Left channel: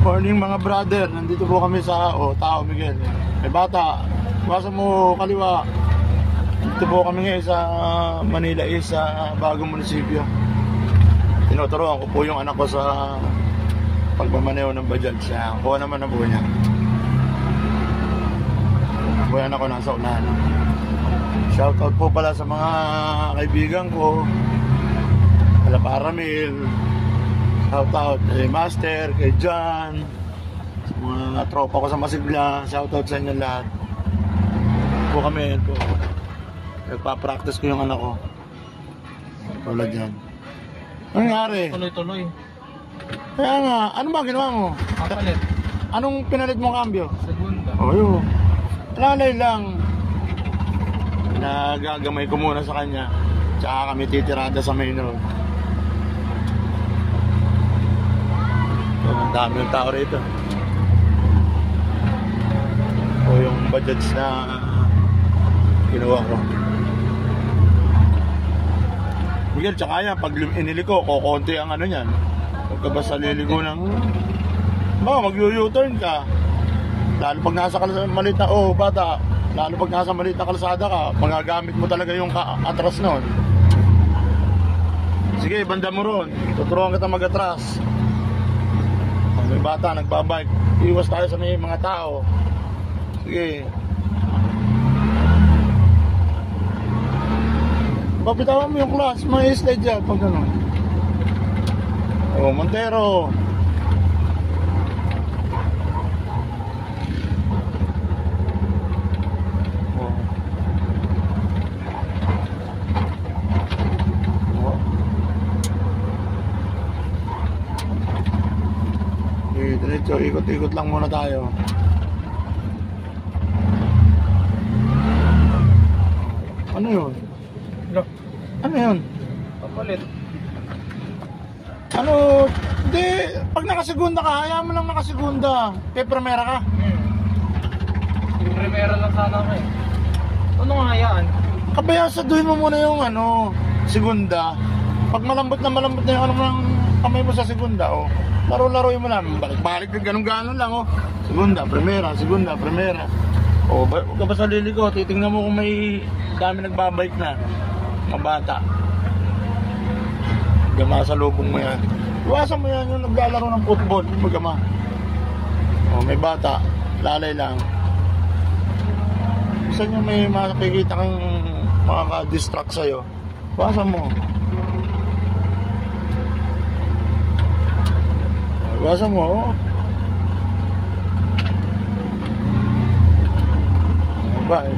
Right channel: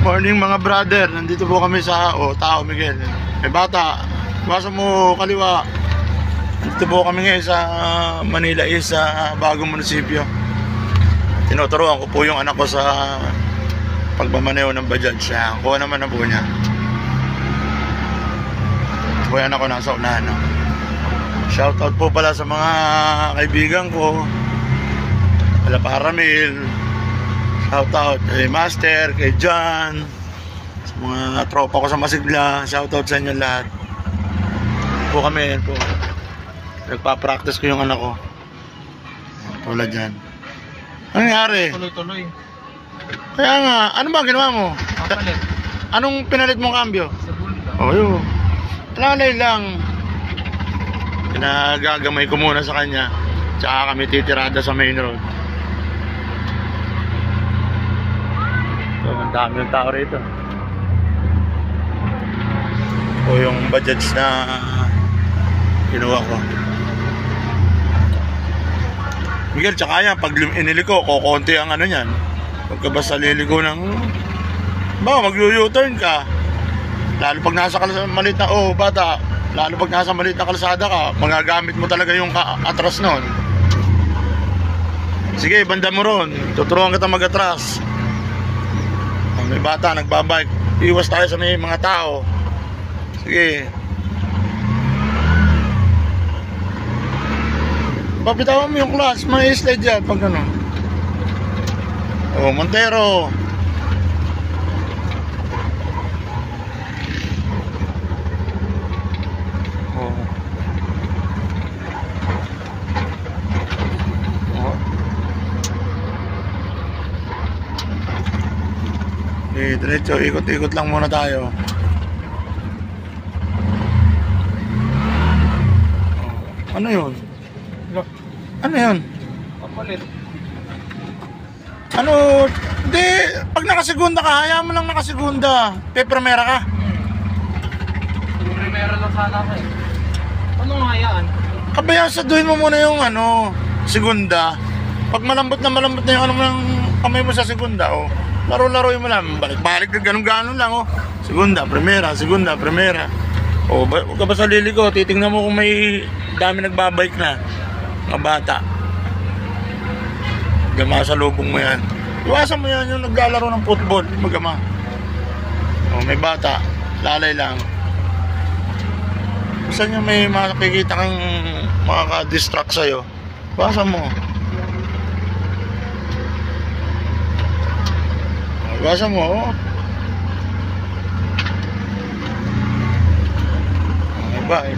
Morning mga brother, nandito po kami sa Tao Miguel. May bata, iwasan mo kaliwa. Nandito po kami ngayon sa Manila East, sa bagong munisipyo. Tinuturuan ko po yung anak ko sa pagmamaneho ng Bajaj. Kuha naman na po niya. Ito po yung anak ko nasa unahan. Shoutout po pala sa mga kaibigan ko, Ala Paramil. Shoutout kay Master, kay John, sa mga tropa ko sa Masigla. Shoutout sa inyo lahat. Po kami po. Nagpa-practice ko yung anak ko. Tulad dyan. Ano nangyari? Tuloy-tuloy. Kaya nga, ano ba ginawa mo? Papalit. Anong pinalit mong kambyo? Segunda. Oh, yun. Talalay lang. Nagagamay ko muna sa kanya. Tsaka kami titirada sa main road. So, ang dami ng tao rito. O yung Bajaj na ginawa ko. Miguel, tsaka yan, pag iniliko, kukunti ang ano yan. Pagka basta liliko ng baka mag-u-turn ka. Lalo pag nasa maliit na, bata, lalo pag nasa maliit na kalsada ka, magagamit mo talaga yung atras nun. Sige, banda mo ron, tuturuan kita mag-atras. May bata, nagbabike, iwas tayo sa may mga tao. Sige. Papitawan mo yung class, may slide dyan pag gano'n. Montero. Diretso, ikot-ikot lang muna tayo. Ano yun? Ano yun? Papalit. Ano? Hindi, pag nakasegunda ka, hayaan mo lang nakasegunda. Primera ka? Primera lang sana ka eh. Anong hayaan? Kabayasaduhin mo muna yung segunda. Pag malambot na yung ano mo ng kamay mo sa segunda, laro-laroin mo lang, balik-balik na ganun-ganon lang, segunda, primera. Huwag ka ba sa liliko, titingnan mo kung may dami nagbabike na mga bata. Gama sa lubong mo yan. Iwasan mo yan yung naglalaro ng football, magama. May bata, lalay lang. Gusto nyo may makikita kang makaka-distract sa'yo, iwasan mo. Iwasan mo, Bye.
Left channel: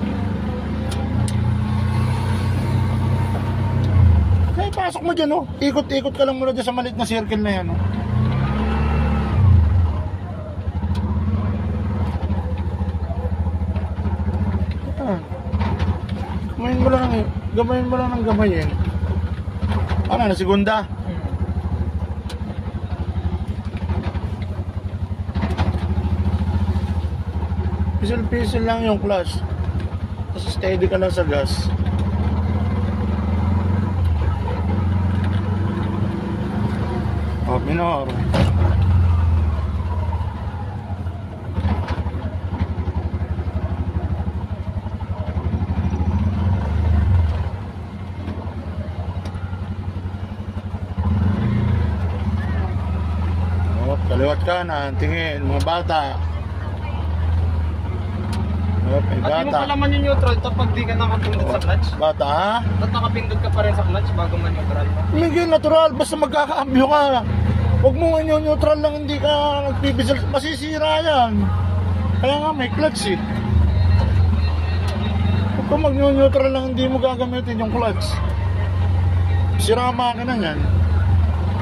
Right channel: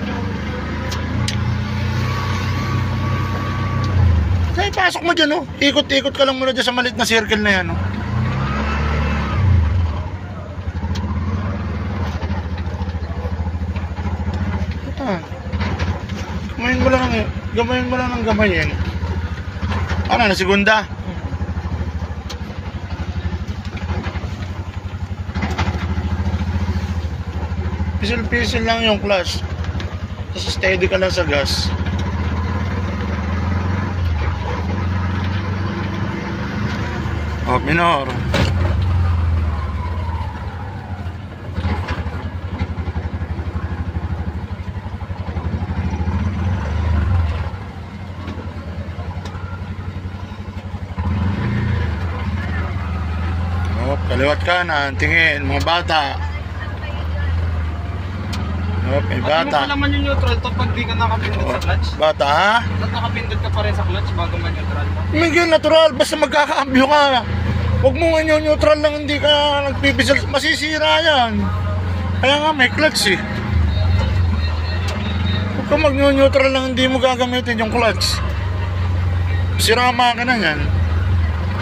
Kaya pasok mo dyan, ikot-ikot ka lang muna dyan sa maliit na circle na yan, Gamayin mo lang ng gamayin. Ano, na segunda? Pisil-pisil lang yung clutch. Tapos steady ka lang sa gas. Minor. Kaliwat kanan, tingin, mga bata. May bata. At mo pa naman yung neutral to pag di ka nakapindot sa clutch? Bata, ha? Ba't nakapindot ka pa rin sa clutch bago man-neutral mo? Miguel, natural. Basta magkakaambyo ka. Huwag mo nga neutral lang, hindi ka nagpipisil. Masisira yan. Kaya nga may clutch Huwag ka mag-neutral lang, hindi mo gagamitin yung clutch. Sira ang makina yan.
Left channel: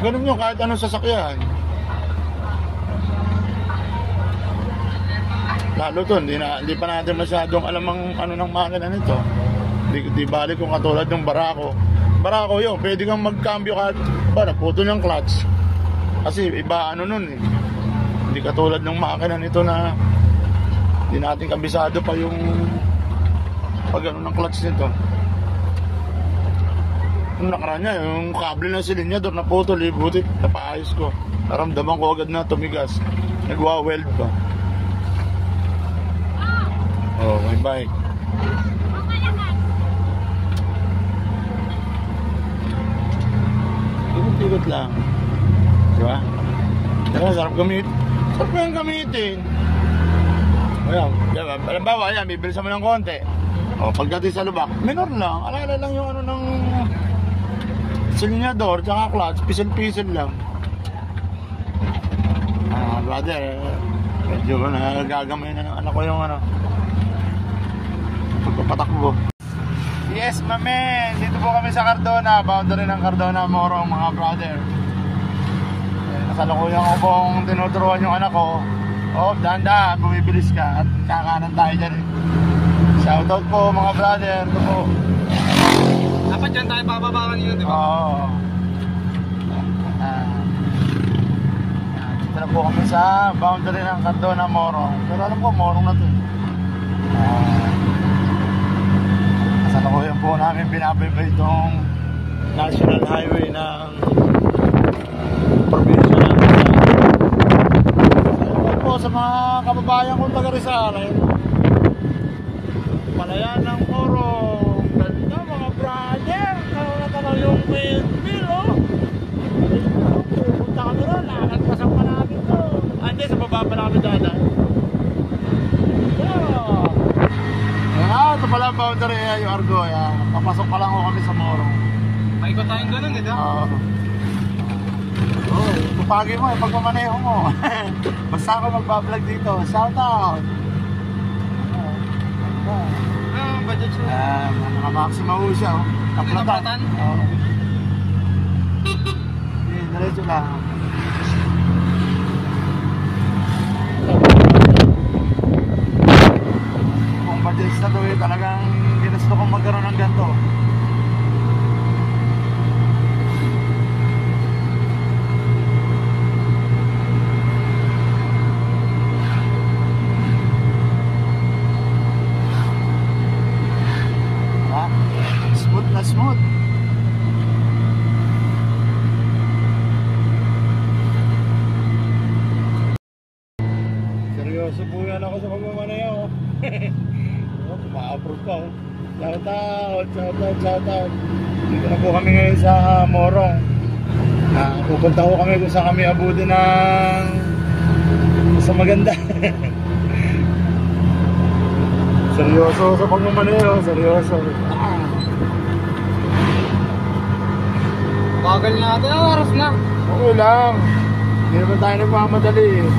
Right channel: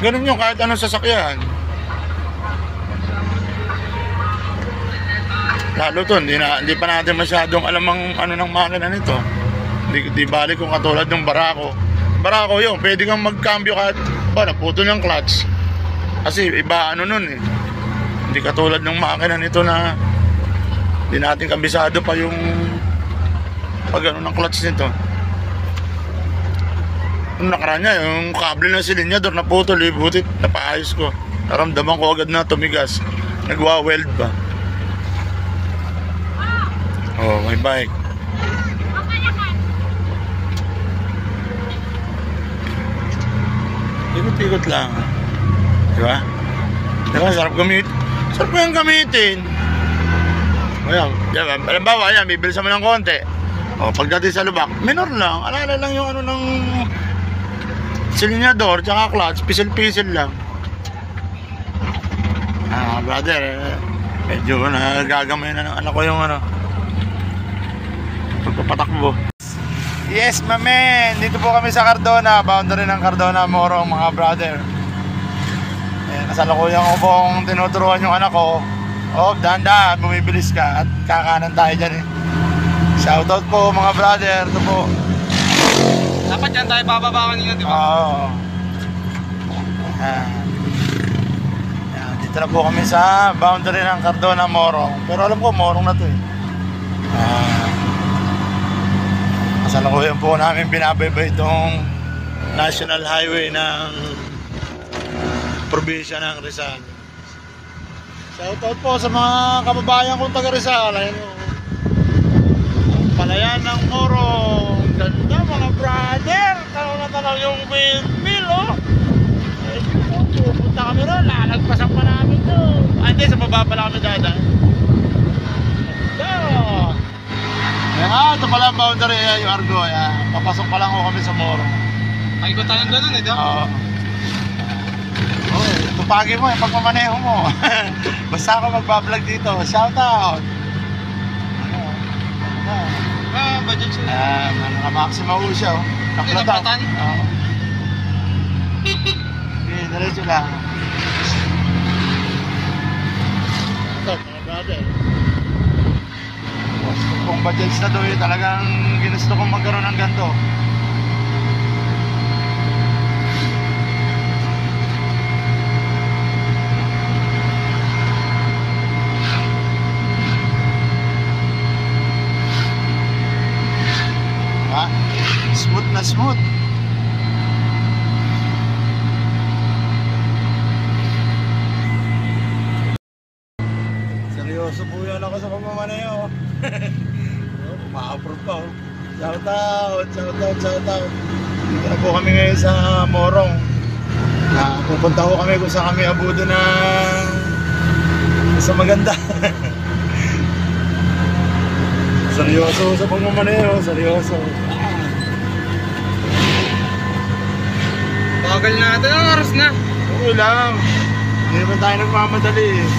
Ganun yung kahit anong sasakyan. Lalo to, hindi pa natin masyadong alam ang ng makina nito. Di bali kung katulad ng Barako. Barako yun, pwede kang magkambyo kahit naputol yung clutch. Kasi iba nun Hindi katulad ng makina nito na hindi natin kabisado pa yung pag ng clutch nito. Nung nakaraan niya, yung kable ng silinyador naputol, butit napaayos ko. Naramdaman ko agad na tumigas. Nagwa-weld pa. Oh, may bike. Ikot-ikot lang. Diba? Diba? Sarap gamit. Sarap yung gamitin. Ayan. Diba? Halimbawa, ayan, bibilisan mo ng konti. O, pagdating sa lubak, minor lang. Alala lang yung ano ng silinyador, tsaka clutch. Pisil-pisil lang. Brother, medyo nagagamay na ng anak ko yung ano, pagpapatakbo. Yes, mamen! Dito po kami sa Cardona, boundary ng Cardona, Morong, mga brother. Kasalukuyan ko pong tinuturuan yung anak ko. Oh, dahan-dahan, bumibilis ka at kakanan tayo dyan eh. Shoutout po mga brother, ito po. Dapat dyan tayo bababawan nila, di ba? Oo. Dito na po kami sa boundary ng Cardona, Morong. Pero alam ko, Morong na to eh. Kasalukuyan po namin binabaybay itong national highway ng probinsya ng Rizal. Shoutout po sa mga kababayan kong taga Rizal. Ayun, palayan ng Morong. Ganda mga brother. Tanaw na tanaw yung windmill, oh. Ayun, pupunta kami ron. Lalagpasan pa namin to. Hindi, sa baba pala kami dadaan. Ganda. Ito pala ang boundary, yung Argo. Papasok pa lang ko kami sa Morong. Ay ko tayong ganun eh, di ba? Oo. Tupagi mo pagmamaneho mo. Basta ako magbablog dito. Shoutout. Budget siya. Naka-maxima ho siya. Naplatan. Oo. Diretso lang. Kung budgets na doon, talagang ginusto kong magkaroon ng ganito. Smooth na smooth. Seryoso po yan ako sa pagmamaneho. Ma-approve pa. Shoutout. Dito na po kami ngayon sa Morong. Pupunta ko kami kung saan kami abudo ng sa maganda. Seryoso sa pagmamaneho. Seryoso. Bagal natin, ang oras na. Oo lang. Hindi naman tayo nagmamadali eh.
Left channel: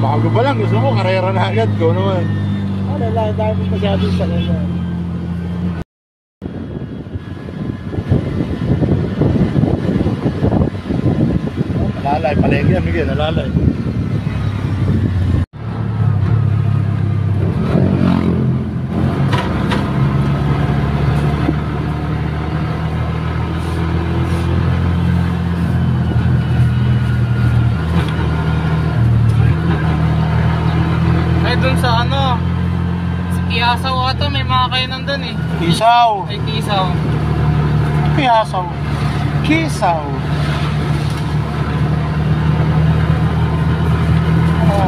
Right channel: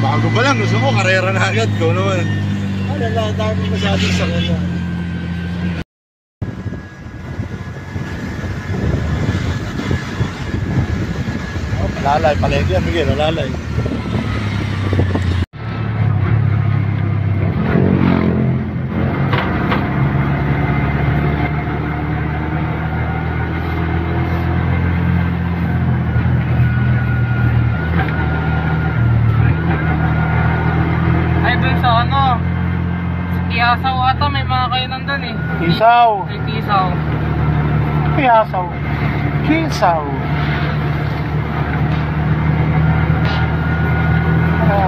Bago pa lang, gusto ko karera na agad ko naman. Wala, dami masyadong sa kanya. Oh, palalay, palegi yan, Miguel, nalalay. Tiasaw ata, may mga kainan doon eh. Isaw. Ay, tisaw. Piasaw. Kisaw.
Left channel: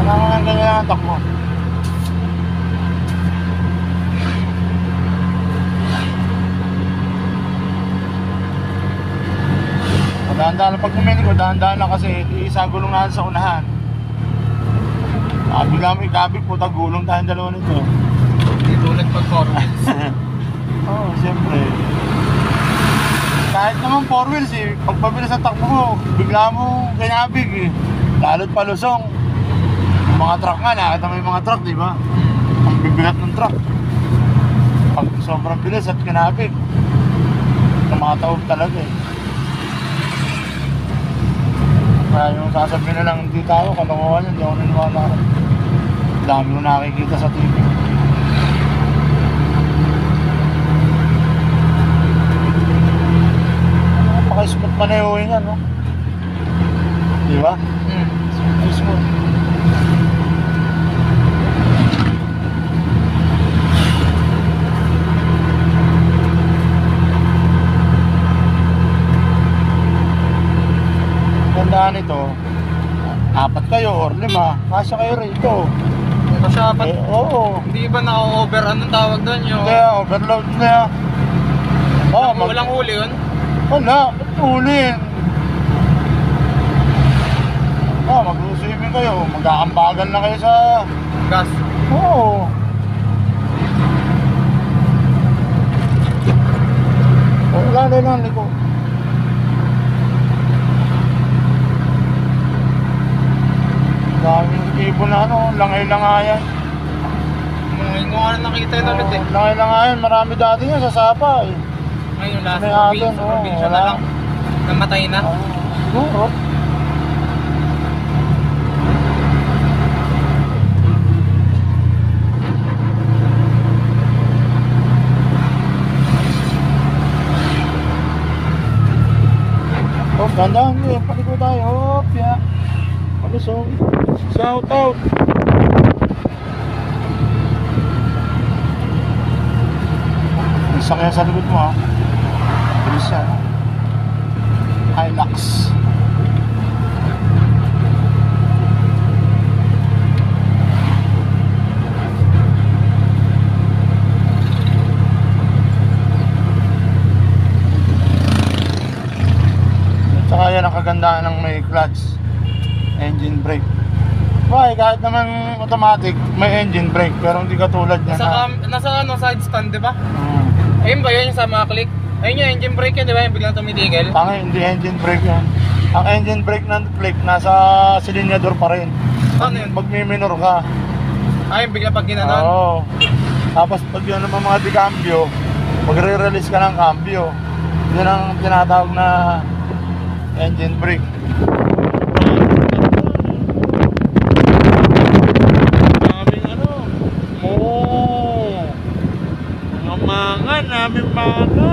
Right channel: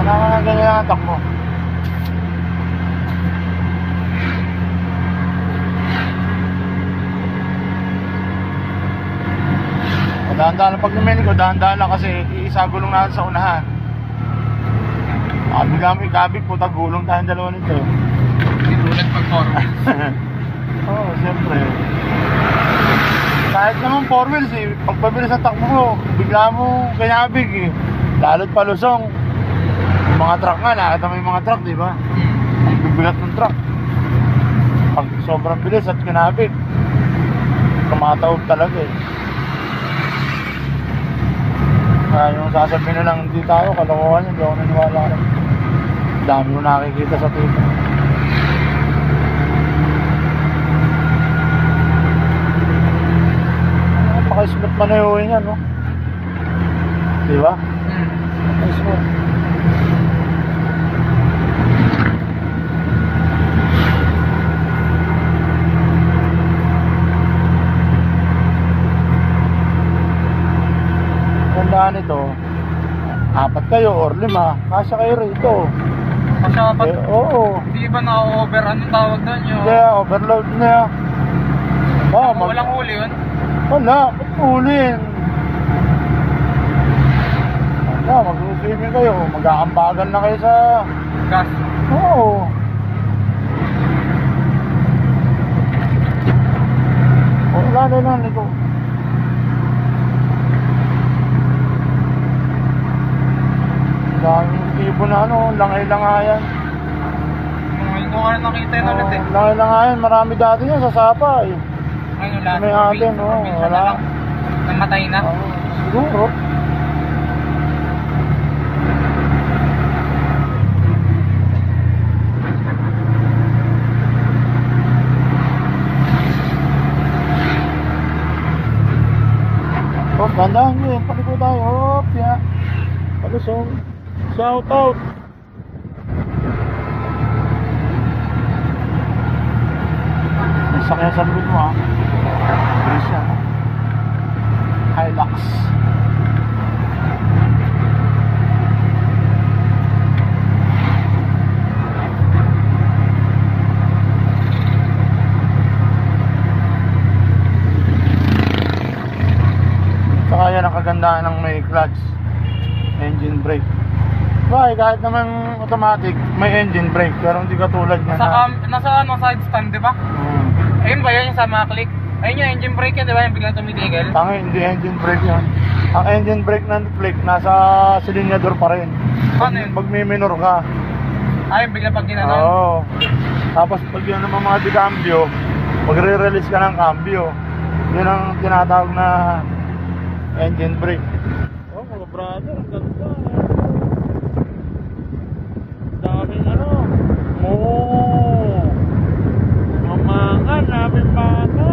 Naman ang ganyan ang takbo. Dahan-dahan lang pag lumili ko, dahan-dahan lang kasi iisa gulong natin sa unahan. Bigla mo ikabig, puta gulong tayong dalawa nito. Ulit pag-performance. Oo, siyempre. Kahit naman 4 wheels eh, pagpabilis ang takbo mo, bigla mo kinabig eh. Lalo't palusong. Yung mga truck nga, nakita mo yung mga truck, di ba? Ang bibigat ng truck. Pag sobrang bilis at kinabig, tumatawag talaga eh. Kaya yung sasabihin na lang, hindi tayo, kalokohan yun, hindi ako naniwala. Dami ko nakikita sa TV. Smooth manehoin yan, no? Di ba? Smooth. ganito, 4 kayo or 5, kasya kayo rito. Kasi apat. Oo. Hindi ba naka-over? Anong tawag doon yung... Kaya overload na. Walang huli yun? Wala, ba't hulin? Mag-swimming kayo, mag-aambagan na kayo sa... Gas. Oo. Lalo lang, Nico. Daming ibon na langay-langayan. Ngayon ko nga nakita yun ulit eh. Langay-langayan, marami dati yan sa Sapa eh. Ngayon last May atin, wala. Namatay na. Siguro. Gandaan nyo, paliko tayo, hopya. Palusong, shout out. May sakyan sa likod mo ha. Bilis yan. Hilux. Saka yan ang kagandahan ng may clutch, engine brake. Bakit kahit naman automatic may engine brake pero hindi katulad niya Nasa side stand, di ba? Ayun ba yun yung sa mga click? Ayun yung engine brake yan, di ba? Yung biglang tumitigil. Hindi engine brake yan. Ang engine brake ng click nasa silinyador pa rin. Ano yun? Pag may minor ka. Ayun, biglang pag ginanon. Oo. Tapos pag yun naman mga di-cambio, magre-release ka ng cambio. Yun ang tinatawag na engine brake. Daming mamangan namin mga.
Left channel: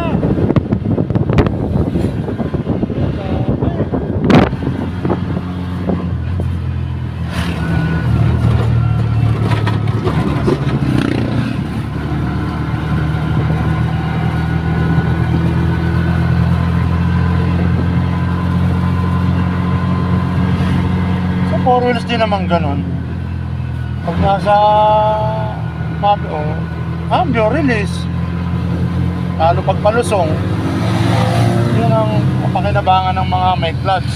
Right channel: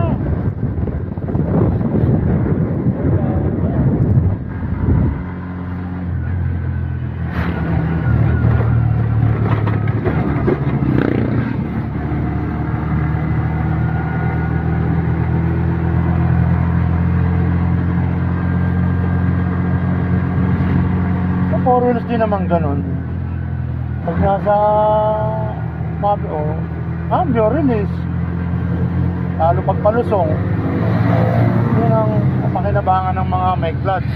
Four wheels din naman ganun. Pag nasa cambio, release. Lalo pag palusong, yun ang pakinabangan ng mga may clutch.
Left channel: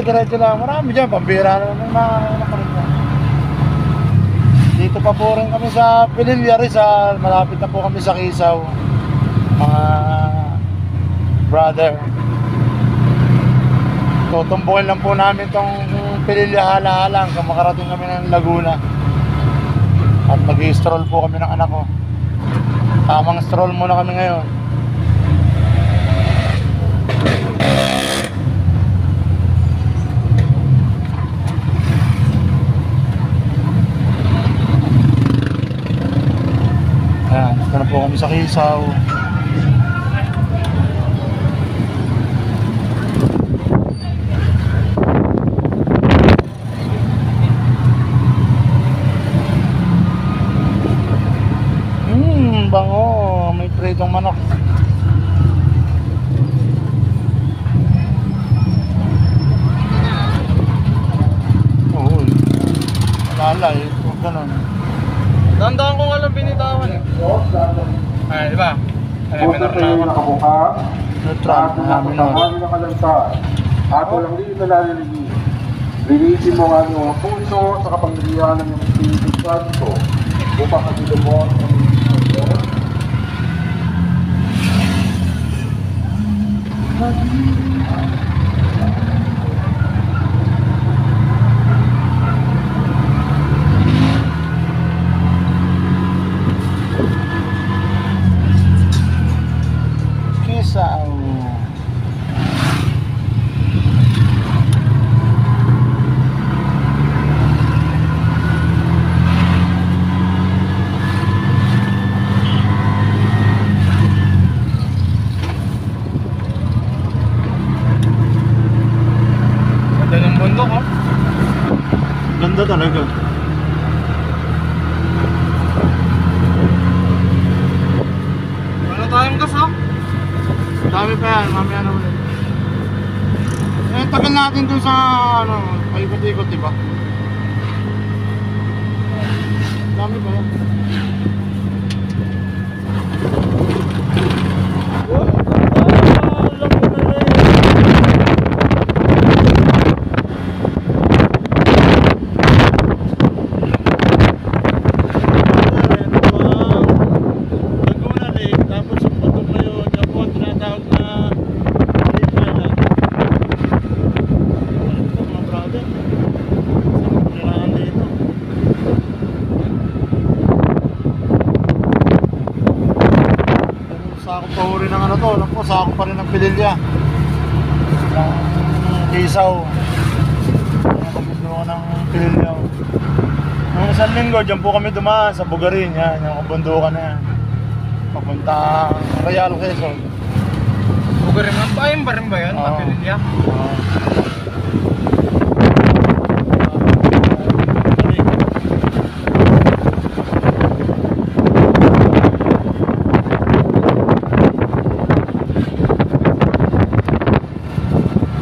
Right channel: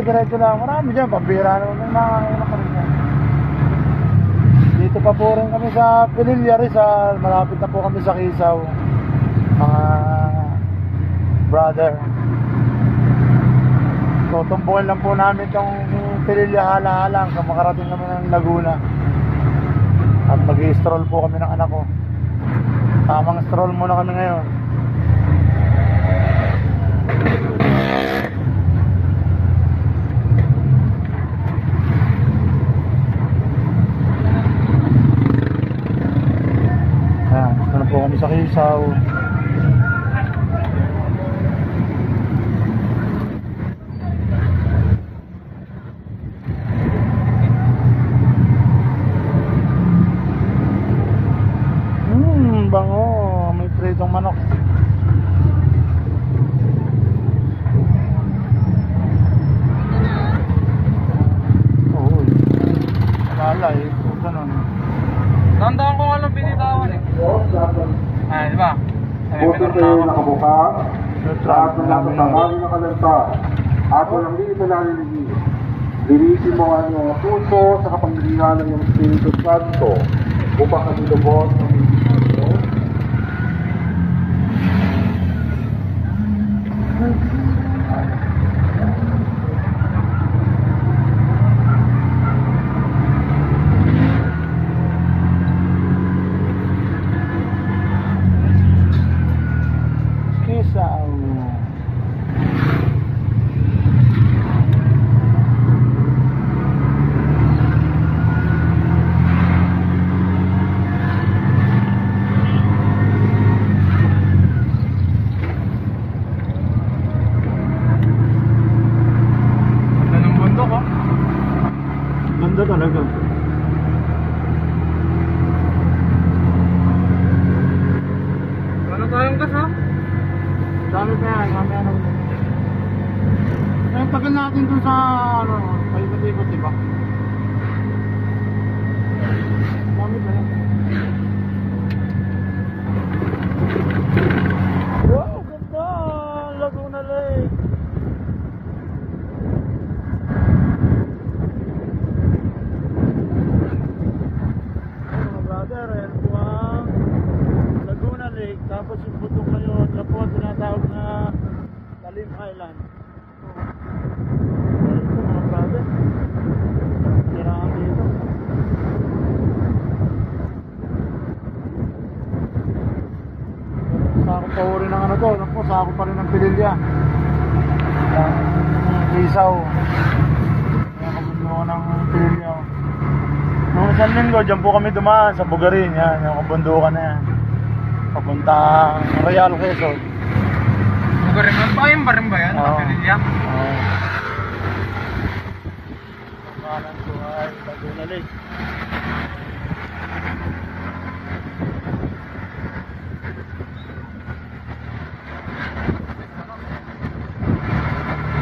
Diretso lang. Marami dyan. Pambira naman na. Dito pa po rin kami sa Pililla Rizal. Malapit na po kami sa Kisaw. Mga brother. Tutumbukin lang po namin tong Pililla hala-halang. Makarating kami ng Laguna. At mag-i-stroll po kami ng anak ko. Tamang stroll muna kami ngayon. Po kami sa Kisaw. Bango, may pritong manok. Oo. Alala eh, huwag ganun. Tandaan ko nga lang binitawan eh. Ay, di ba? Ay, minor na ako. Neutral na minor. At walang hindi na naliligi. Linisin mo ang iyong puso sa kapangyarihan ng iyong Espiritu Santo upang katilubon ang Ganda talaga. Wala tayong gas ha? Dami pa yan, mamaya na ulit. Eh, tagal natin dun sa, ano, paikot-ikot, diba? Dami pa yan. Oh, alam mo na rin. Laguna Lake, tapos yung putok na yun, yung po, tinatawag na Lake Mela. Ito mga brother, saan kailangan dito? Sako pa rin ng ano to, alam ko, sako pa rin ng Pililya. Lisaw. Nakabundok ng Pililya. Nung isang linggo, dyan po kami dumaan sa Bugarin, yan, yung kabundukan na yan. Papuntang Real Quezon. Bugarin man ba? Ayun ba rin ba yan? Oo. Papirilya? Oo.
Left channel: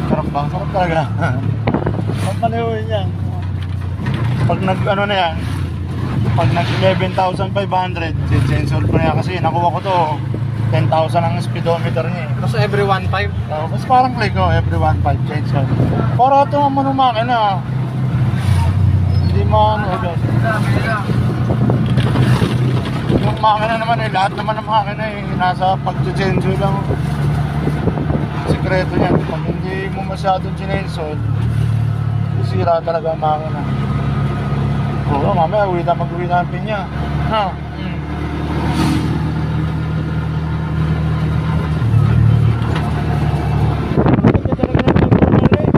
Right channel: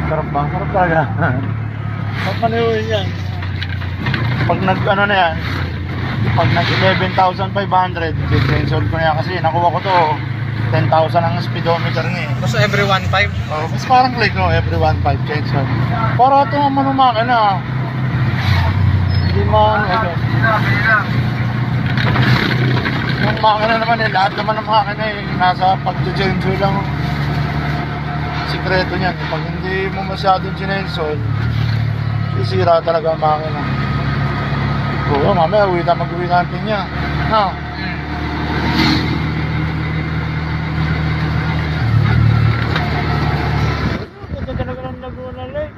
Sarap ba? Sarap talaga. Papaniwin yan. Pag nag ano na yan, pag nag 11,500, sensor ko na yan kasi nakuha ko to 10,000 ang speedometer nga eh. Basta every 1.5? Oh, mas parang click ko, every 1.5 sensor. Para ito ang makina. Hindi maano agad. Yung makina naman eh, lahat naman ng makina eh, nasa pag-sensor lang. Sikreto niyan, pag hindi mo masyadong sinensor, sisira talaga ang makina. Oo, mamaya mag-uwi natin niya. No? Ito talaga ng Laguna Lake.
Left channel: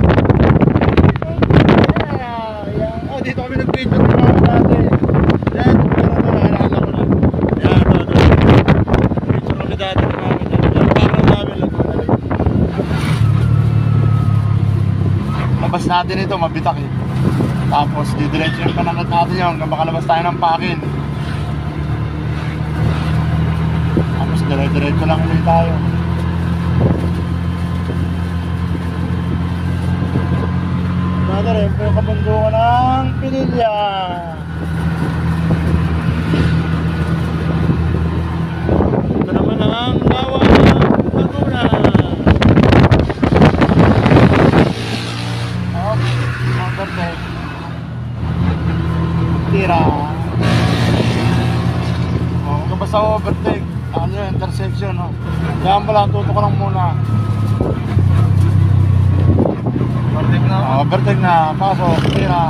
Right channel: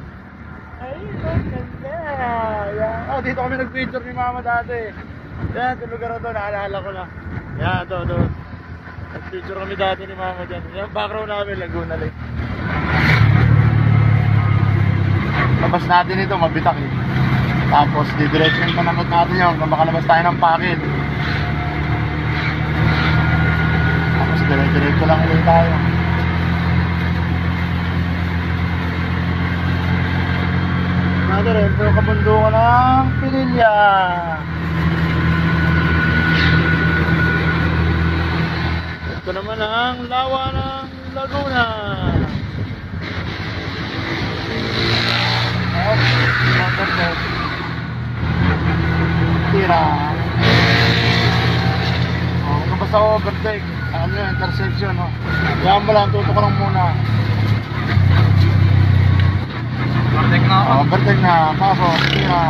Oh, dito kami nag-picture ni mama dati. Yan, dito ka na naalala ko na. Yan, ito. Picture kami dati ni mama dyan. Yung background namin, Laguna Lake. Labas natin ito, mabitak eh. Tapos didiretso yung panangat natin yun hanggang makalabas tayo ng Pakil. Tapos diretso lang ulit tayo. Natin rin po yung kabundukan ng Pililya. Ito naman ang lawa ng Laguna. Motorboat. Tira. Oh, kung basta overtake, ano yun, intersection, no? Yan mo lang, tutok ko lang muna. Overtake na ako. Overtake na, pasok, tira.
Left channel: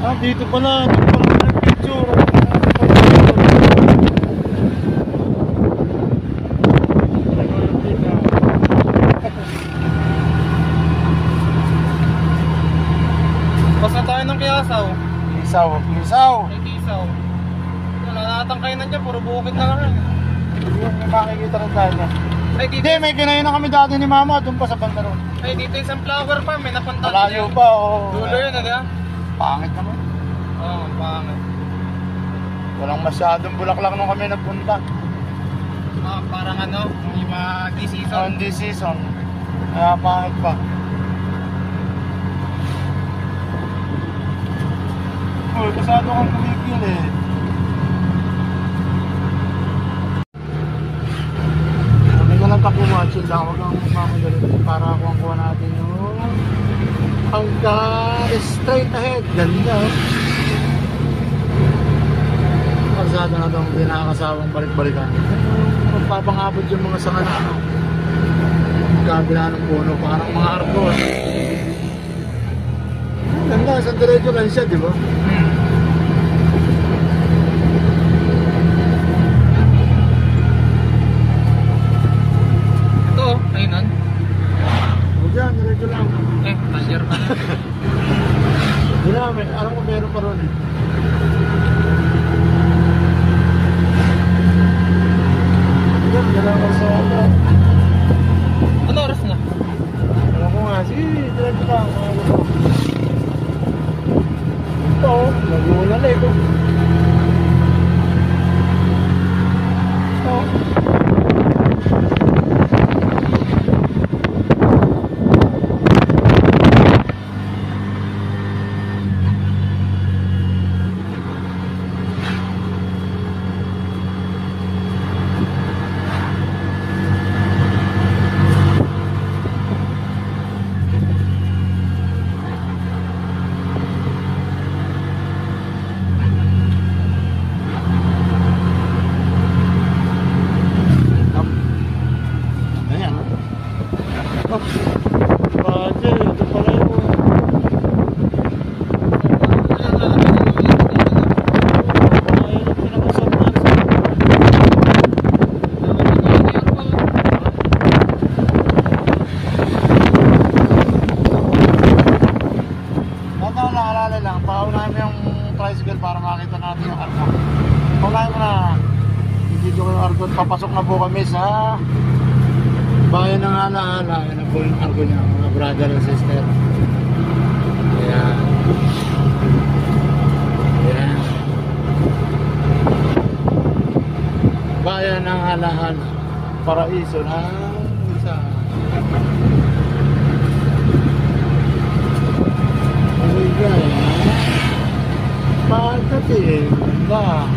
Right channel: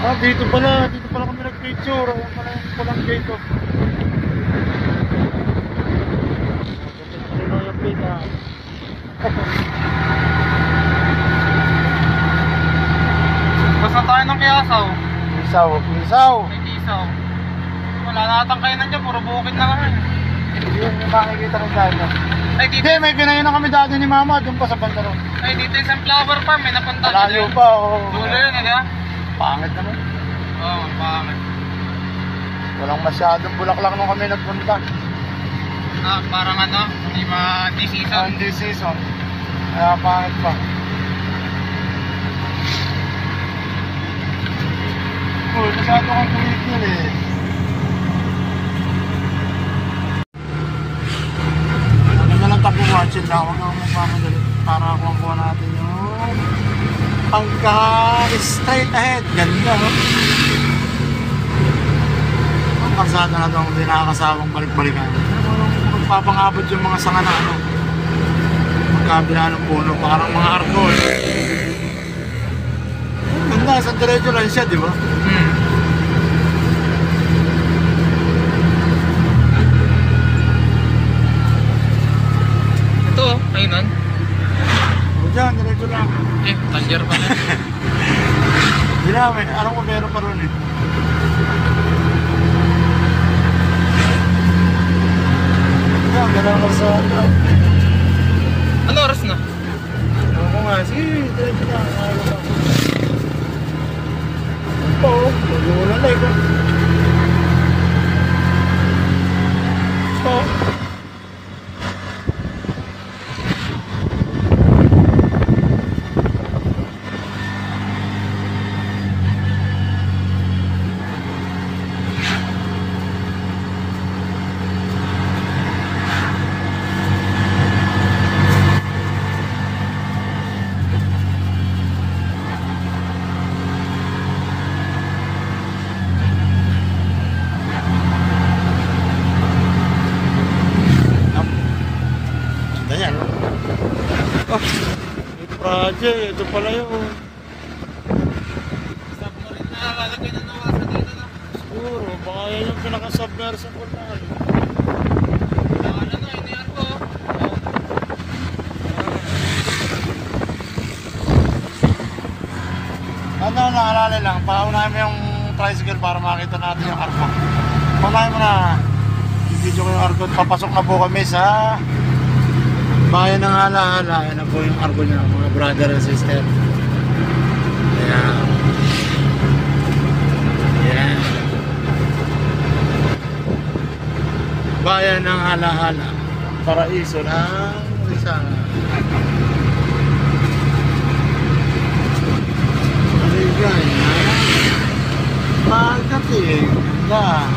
Ah, dito pala nag-picture. Basta tayo ng Kiasaw. Isaw. May Tisaw. Wala nakatangkayan dyan, puro bukid na lang yan. Yung makikita rin tayo. Ay dito, Hindi, may kinain na kami dati ni mama, doon pa sa banda ron. ay dito yung sunflower farm, may napunta Malayo pa, oo. Dulo yun, di ba? Pangit naman. Oo, pangit. Walang masyadong bulaklak nung kami nagpunta. Ah, parang ano, di season. Hindi season. Kaya pangit pa. Uy, masyado kang kumikil eh. Ano na lang tapo watchin lang, huwag kang magmamadali para kuha natin yung pagka straight ahead. Ganda oh. Ang kalsada na itong hindi nakakasawang balik-balikan. Magpapangabot yung mga sanga na ano, magkabila ng puno, parang mga arko eh. Ganda, sa diretso lang siya, di ba? Ito, ayun. O dyan, diretso lang. Tangier pa. Hindi namin, alam ko meron pa ron eh. Yan. Ganda ng kalsada. Ano oras na? Ewan ko nga, sige, diretso na. Ano ko? Ito, nag-uulan eh. Ito. Ganyan, no? Oh, Raja, ito pala yun. Oo, baka yan yung pinaka-submersive. Ano, naalala lang, paunahin mo yung tricycle para makita natin yung arko. Paunahin mo na. I-video ko yung arko. Papasok na po kami sa bayan ng Hala-Hala. Yan na po yung arko niya, mga brother and sister. Ayan. Ayan. Bayan ng Hala-Hala. Paraiso ng Rizal. Maligaya. Pagdating. Ganda.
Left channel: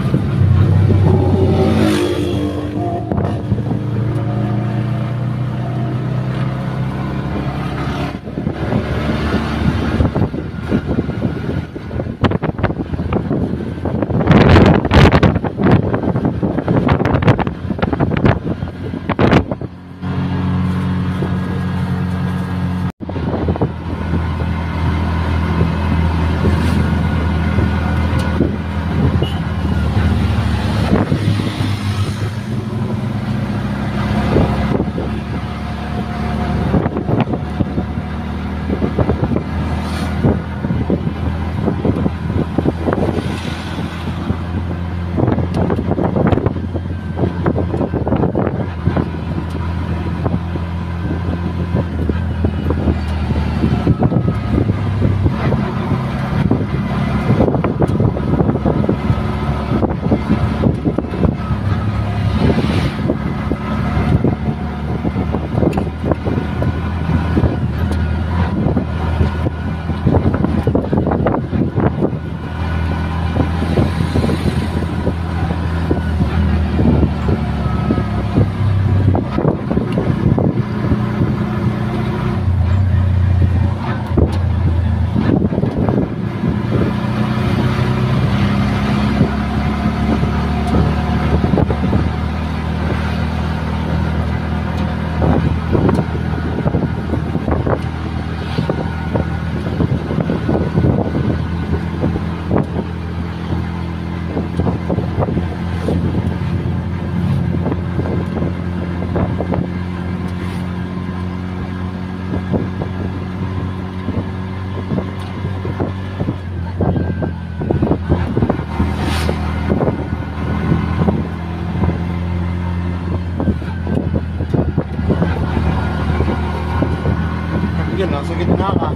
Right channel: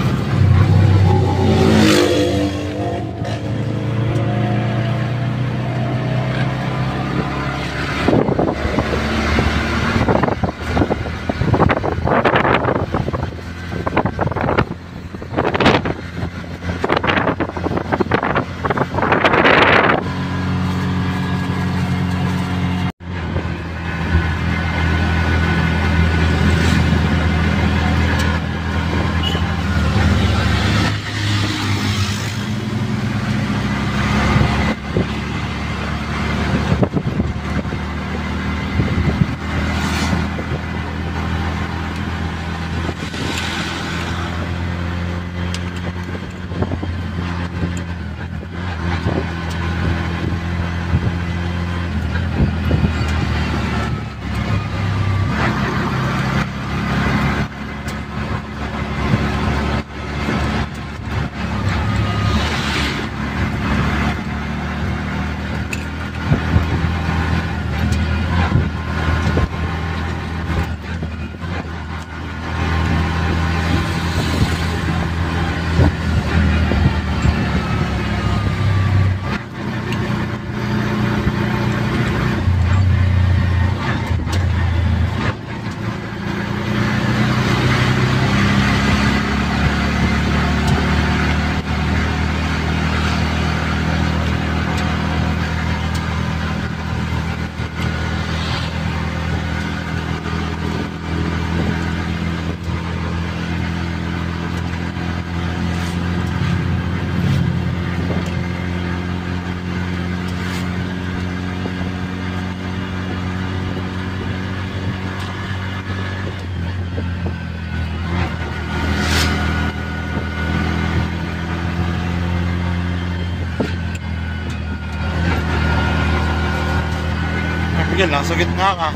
Miguel, nasa gitna ka.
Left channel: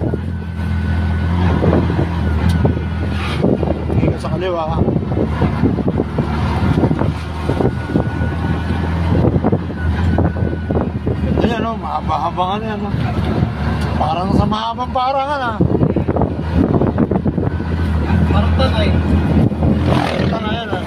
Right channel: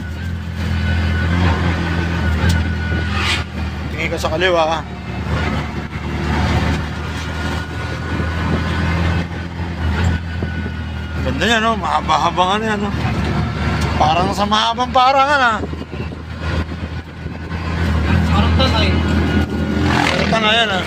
Tingin ka sa kaliwa ka. Ganda yan, no? Mahaba-habang ano yan, no? Parang sa mahabang parangan, ha? Parang tanay. Parang tanay yan, ha?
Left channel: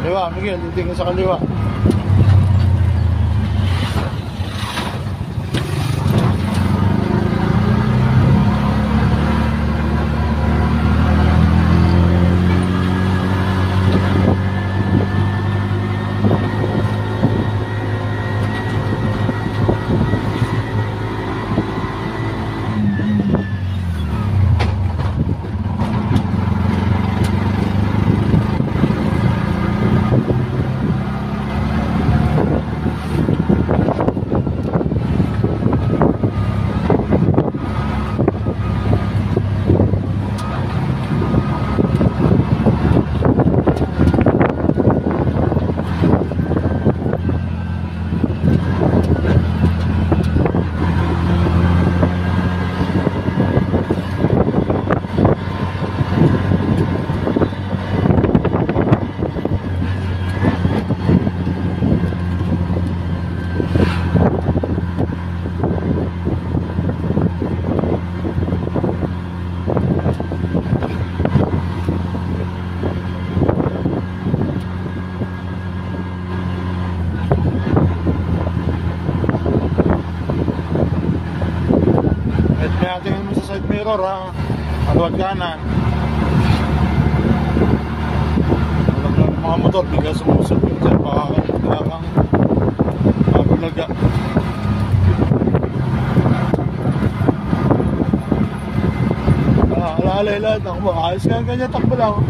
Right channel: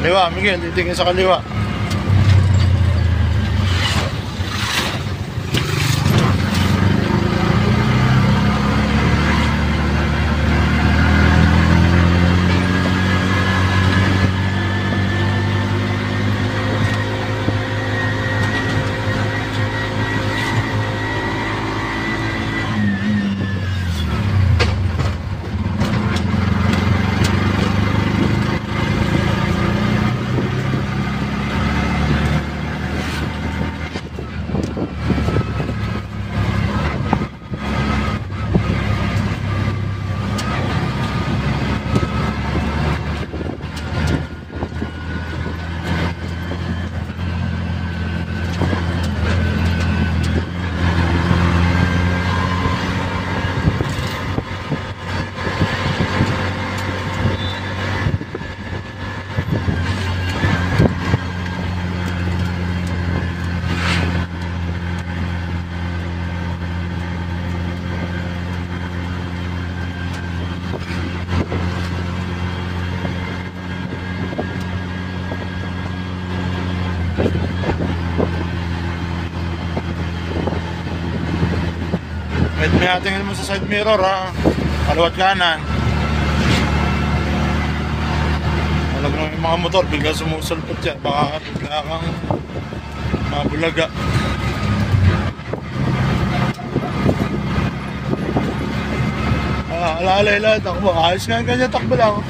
Kaliwa, Miguel, titingin sa kaliwa. May tingin mo sa side mirror ha. Kaliwat kanan. Alam mo yung mga motor, bigla sumusulpot dyan. Baka bigla kang mabulaga. Alalay-lay, takbo. Ayos nga ganyan, takbo lang.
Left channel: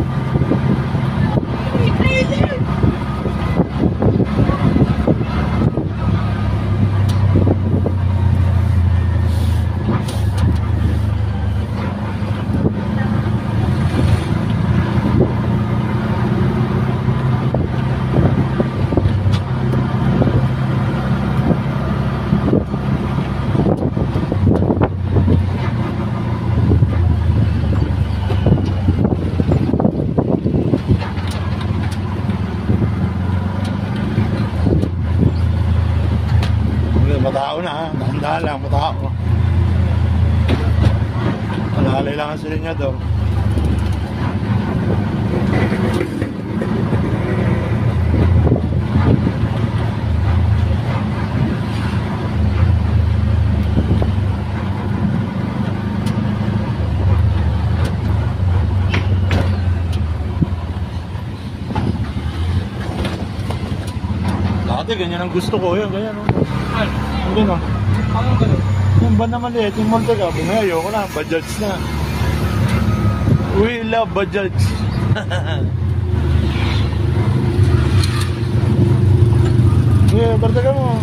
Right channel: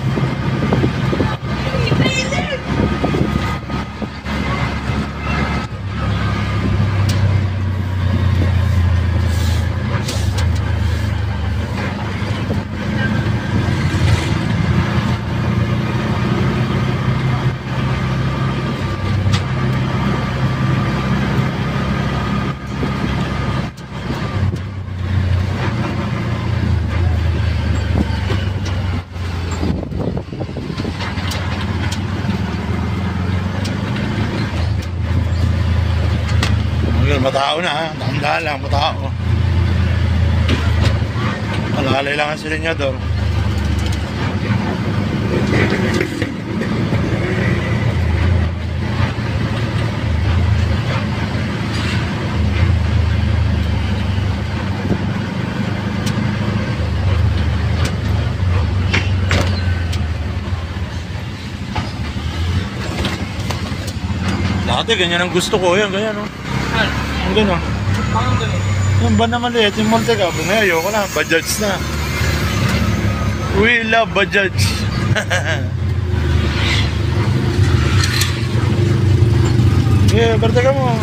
Matao na ha, dahan-dahan lang, matao. Alalay lang ang silinyador. Dati ganyan ang gusto ko, yan, ganyan o. Ang gano'n. Yung ba na maliit, yung Montega, ngayon ayoko na, Bajaj na. We love Bajaj. Yeah, berte ka mo.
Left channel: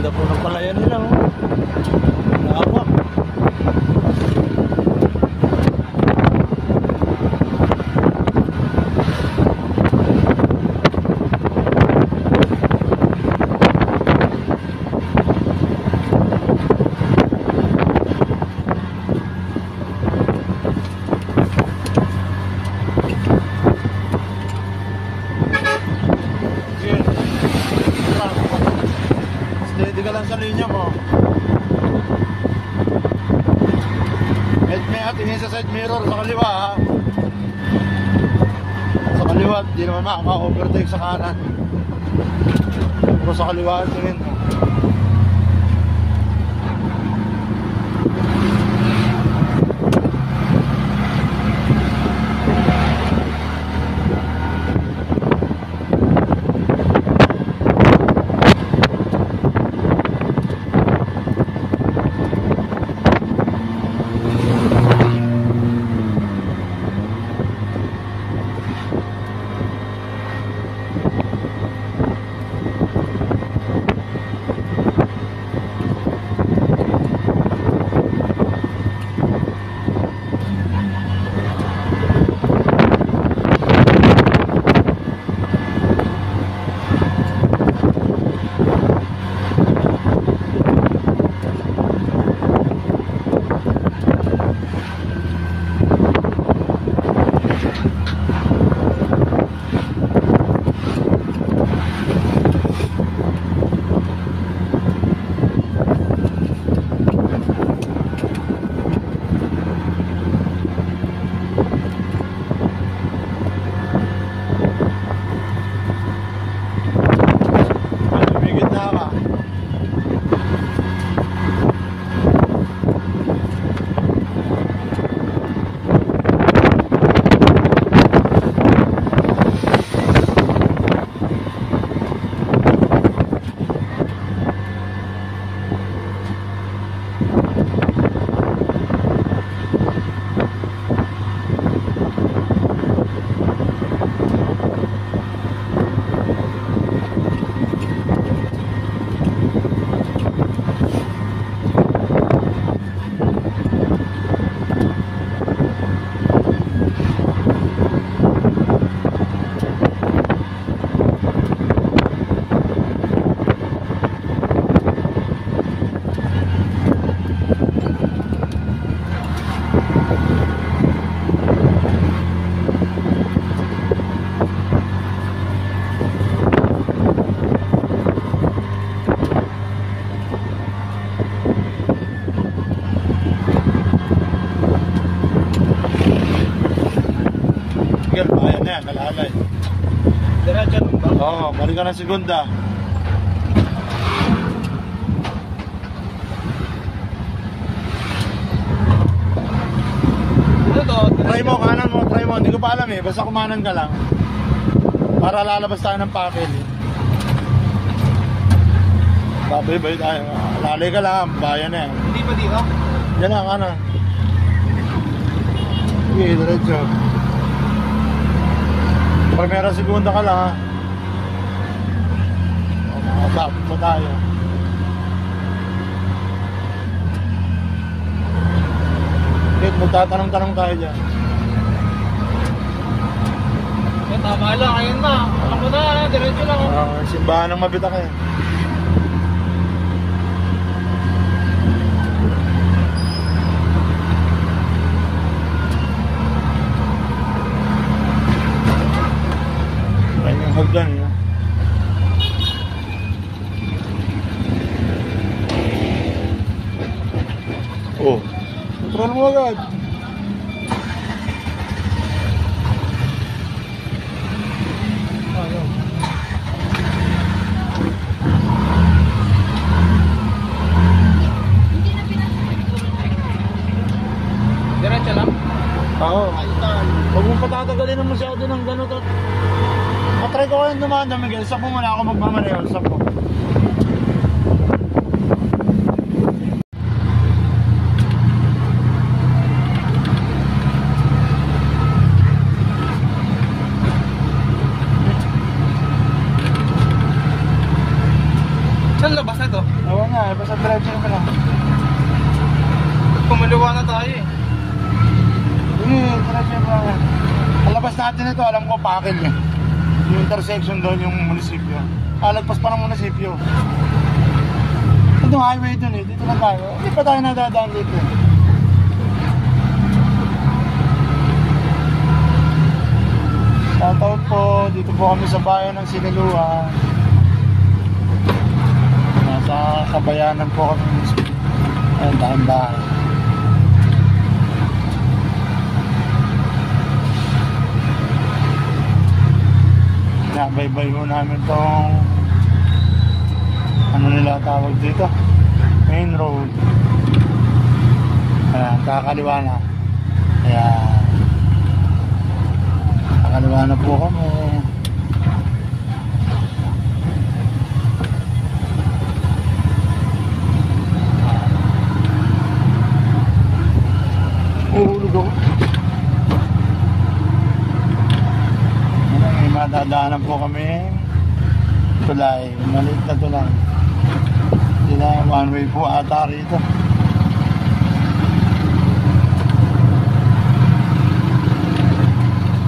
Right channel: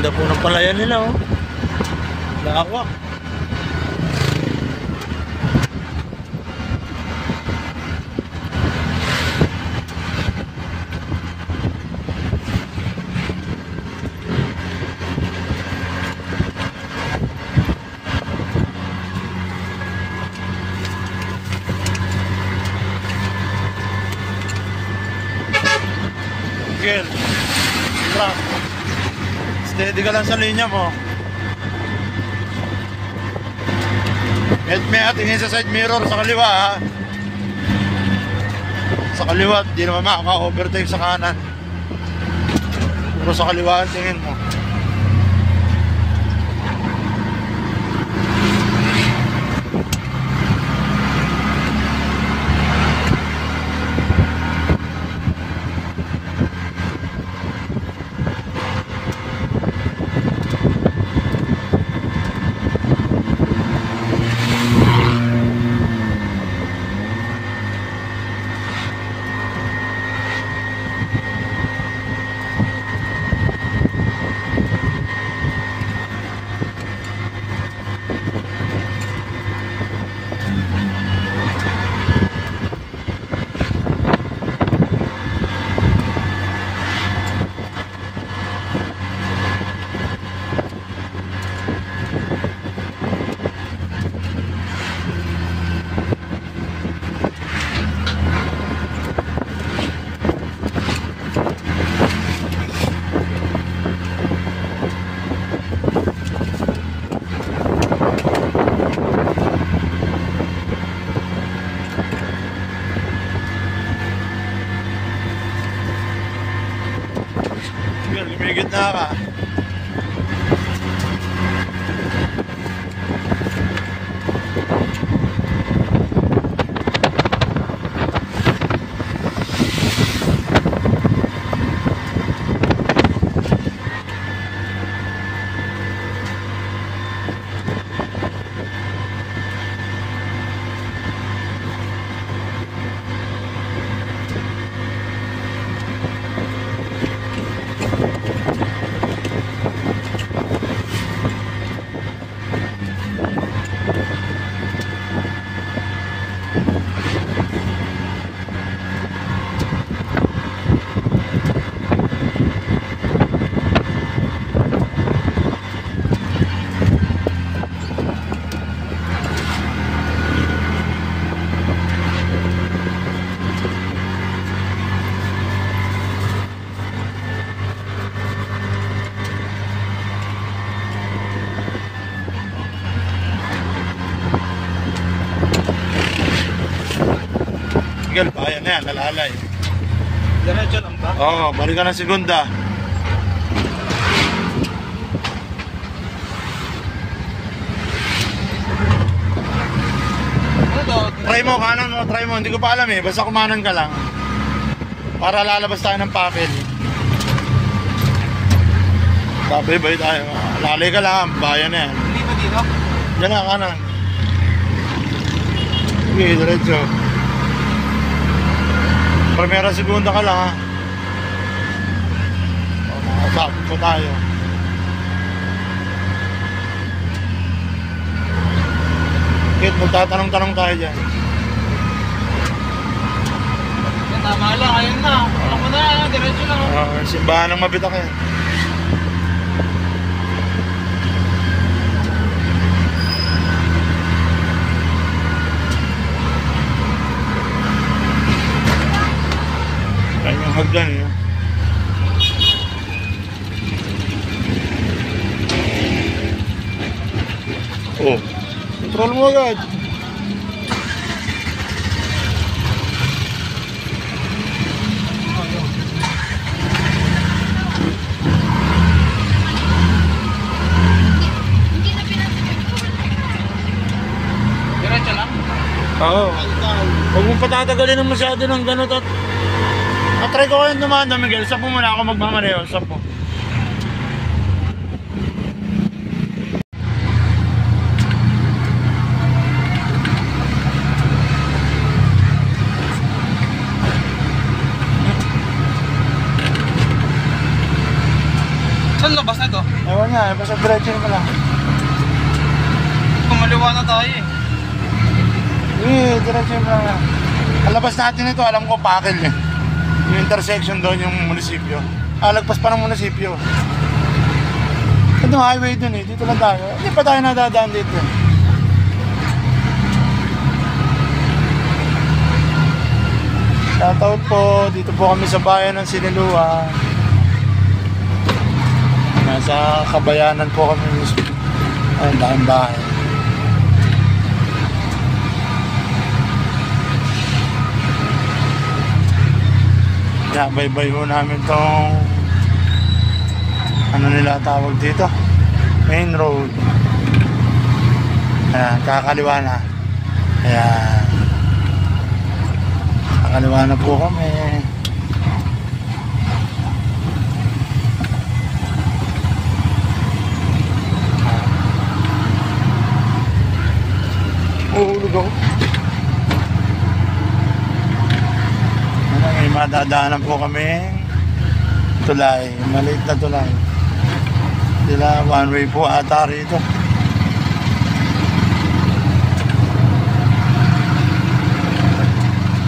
Ganda po ng palayan nila oh. Lawak. Again. Steady ka lang sa linya mo. At may tingin sa side mirror sa kaliwa ha. Sa kaliwa, di naman makaka-overtake sa kanan. Pero sa kaliwa tingin mo. Gitna ka. na yan, nalalay. Diretso lang ba? Oo, balik ka ng segunda. Ano to? Try mo, kanan mo, try mo. Hindi ko pa alam eh, basta kumanan ka lang. Para lalabas tayo ng papel. Babay-bay tayo. Lalay ka lang, bayan na yan. Hindi ba dito? Yan na, kanan. Sige, diretso. Primera, segunda ka lang ha. Masapit po tayo. Kit, magtatanong-tanong tayo dyan. Tama lang, ayun na. Alam mo na, diretso lang. Simbahan ng Mabitak yan. Ayun yung hagdan yun. Oh, control mo agad. Ayun. Diretso lang? Oo. Huwag mong patatagalin ng masyado ng ganun at try ko kayong dumanda, Miguel. Stop mo muna ako magmamaneho. Stop mo. Saan labas na to? Ewan niya, basta diretso mo lang. Kumaliwa na tayo eh. Diretso mo lang. Ang labas natin ito, alam ko, Pakil eh. Yung intersection doon, yung munisipyo. Lagpas pa ng munisipyo. Ito highway doon eh, dito lang tayo. Hindi pa tayo nadadaan dito eh. Shoutout po, dito po kami sa bayan ng Sinilua. Nasa Kabayanan po kami mismo. Ayun, dahil bahay. Nabaybay po namin tong ano nila tawag dito, main road. Ayan, kakaliwa na. Ayan, kakaliwa na po kami. Uhulog ako. May madadaanan po kami tulay, maliit na tulay. Sila one way po ata rito.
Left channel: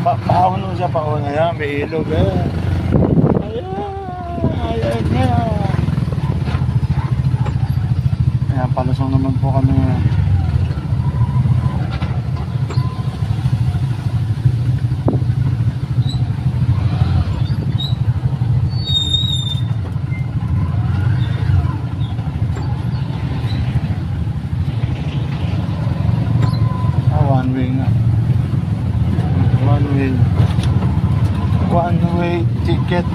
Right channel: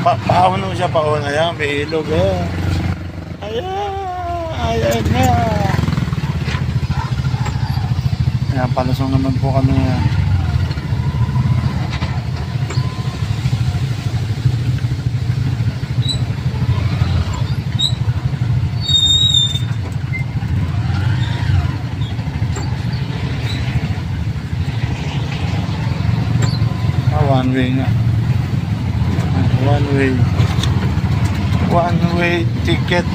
Paahon mo siya, paahon. Ayan, may ilog eh. Ayan nga. Ayan, palusong naman po kami. One way nga. One way ticket.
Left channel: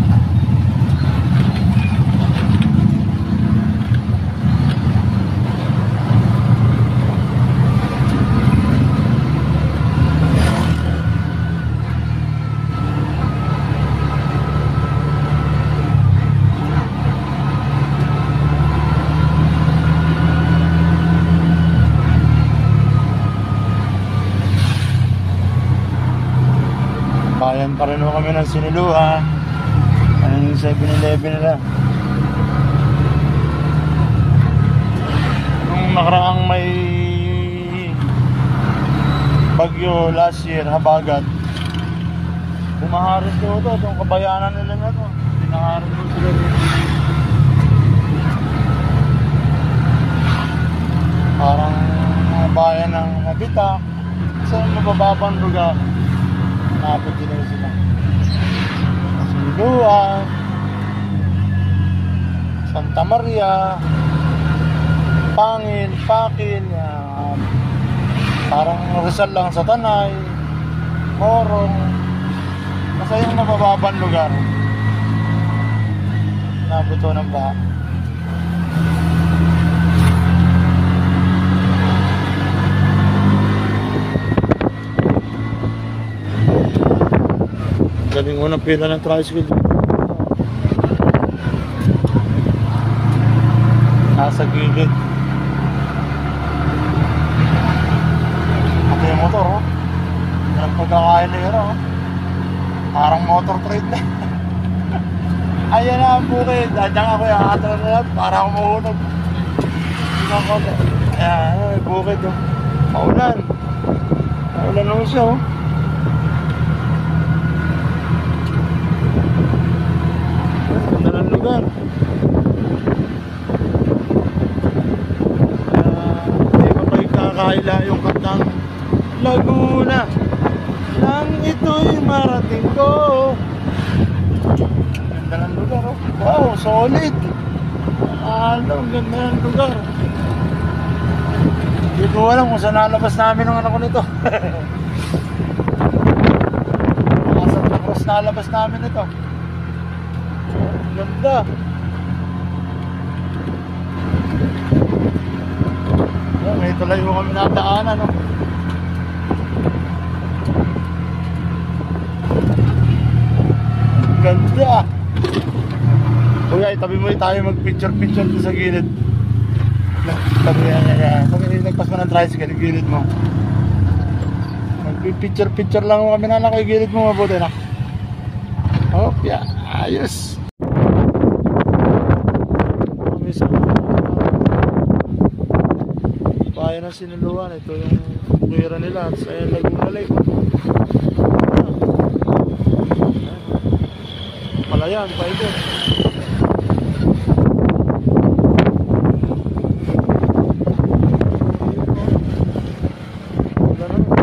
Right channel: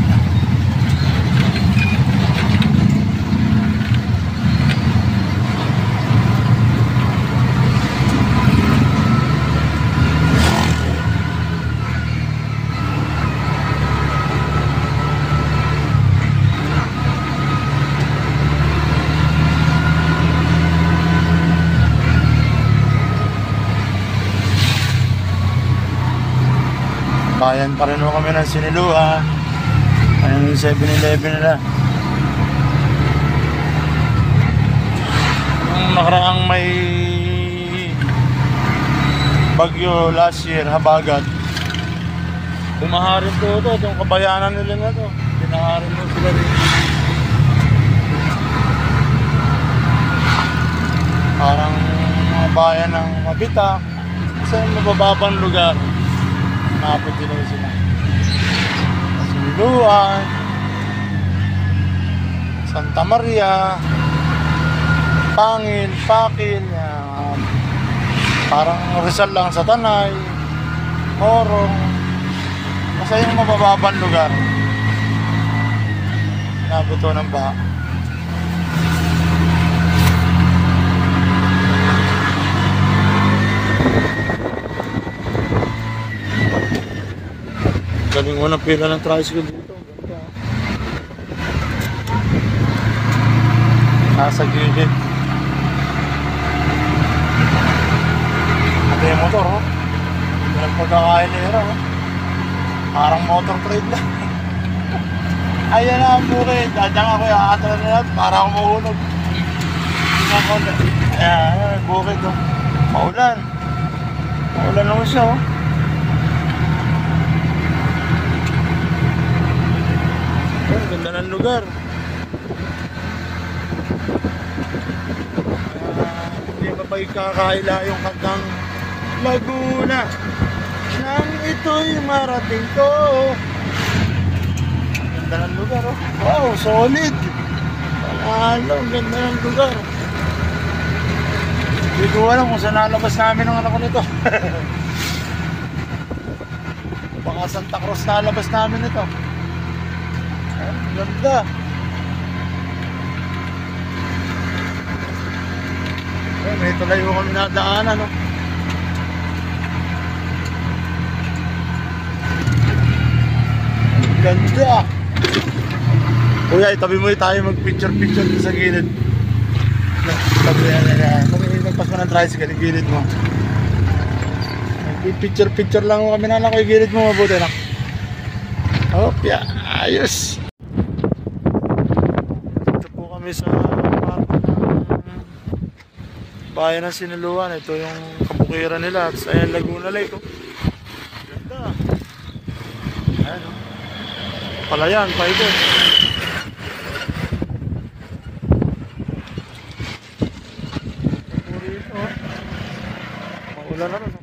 Bayan pa rin ho kami ng Sinilua. Ayan yung 7-Eleven nila. Nung nakaraang may bagyo last year, habagat, bumaharin to itong kabayanan nila na to. Pinaharin mo sila rin. Parang mga bayan ng Mabitak sa mabababang lugar. Napot din naman sila. Sinilua, Santa Maria, Pangil, Pakil, parang Rizal lang sa Tanay, Morong. Basta yung mabababang lugar. Nabuto ng baha. Galing mo ng pila ng tricycle. Nasa gilid. Ate yung motor, oh. Walang pagkakainira, oh. Parang motor trade na. Ayan na ang bukid. Diyan ako yung aatra na lahat para ako mahulog. Ayan, bukid, oh. Maulan. Maulan naman siya, oh. Ganda ng lugar. Hindi pa kayo kakaila yung kantang Laguna nang ito'y marating ko. Ganda ng lugar, oh. Wow, solid. Ano, ganda ng lugar. Hindi ko alam kung saan nalabas namin ang anak ko nito. Mga Santa Cruz nalabas namin ito. Ganda. May tulay mo kami nadaanan, no? Ganda. Kuya, itabi mo tayo mag-picture-picture dito sa gilid. Nagpas mo ng tricycle, yung gilid mo. Mag-picture-picture lang kami na lang ko yung gilid mo, mabuti na. Opya, ayos. Kami sa bayan ng Sinuluan. Ito yung bukiran nila. Ayan, Laguna Lake. Ayan, Palayan, Paikot. Wala naman.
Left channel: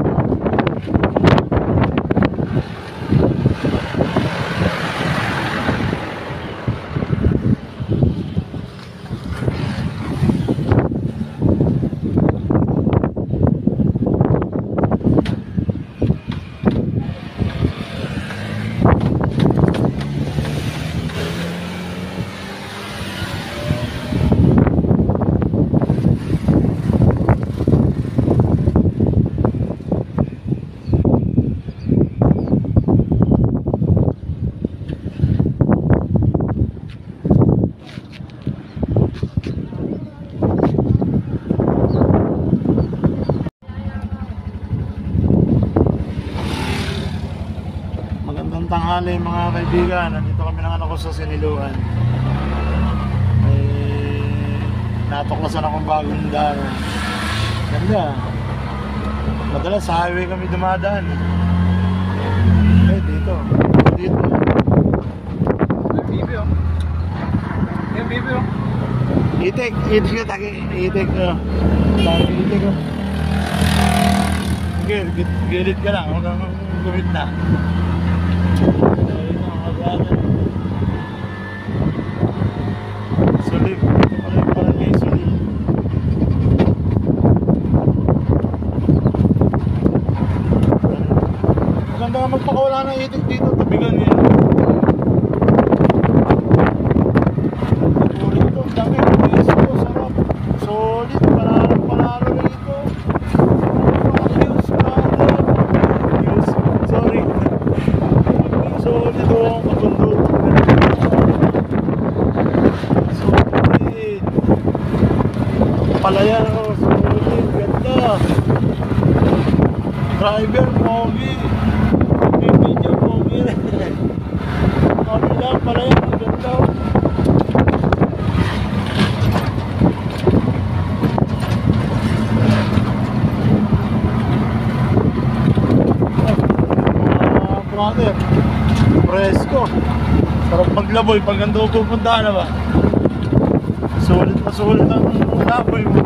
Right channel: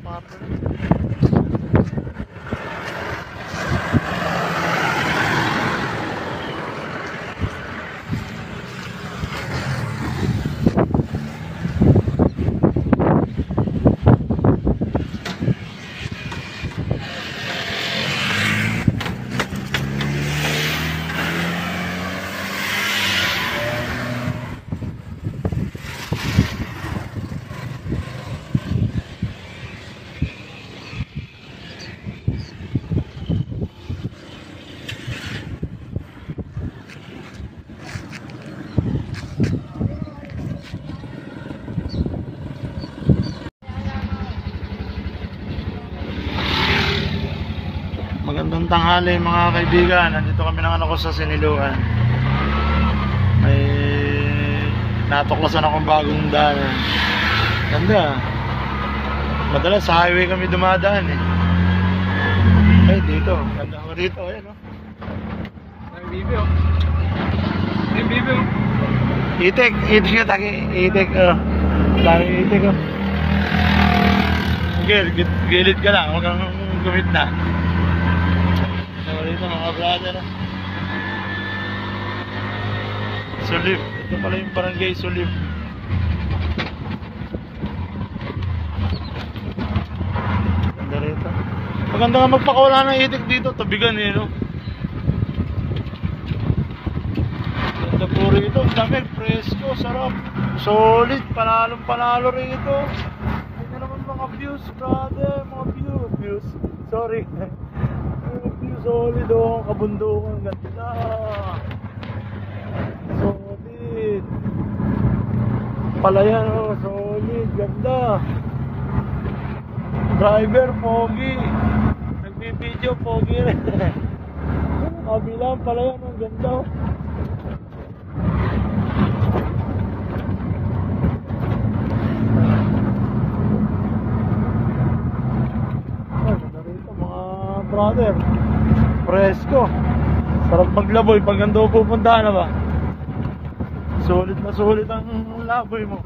Magandang tanghali mga kaibigan. Nandito kami ng anak ko sa Siniluan. May natuklasan akong bagong daan. Ganda. Madalas sa highway kami dumadaan, eh. Eh, dito. Dito, eh. Yung bibi, oh. Yung bibi, oh. Itik yung taki. Itik, oh. Dami itik, oh. Gilid ka lang. Huwag kang gumit na. Dito mga brother. Sulib. Ito pala yung barangay Sulib. Maganda nga magpakawala ng itik dito. Tabigan, eh, no? Ganda po rito. Ang dami. Presko. Sarap. Solid. Panalo rito. Mga views, brother. Mga views. Sorry. Solid, oh, kabundok. Solid. Palayan, oh, solid. Ganda. Driver, pogi. Video, pogi. Kabila, palayan, ganda, oh. Brother, presko. Sarap maglaboy pag nandun pupunta na ba. Sulit na sulit ang laboy mo.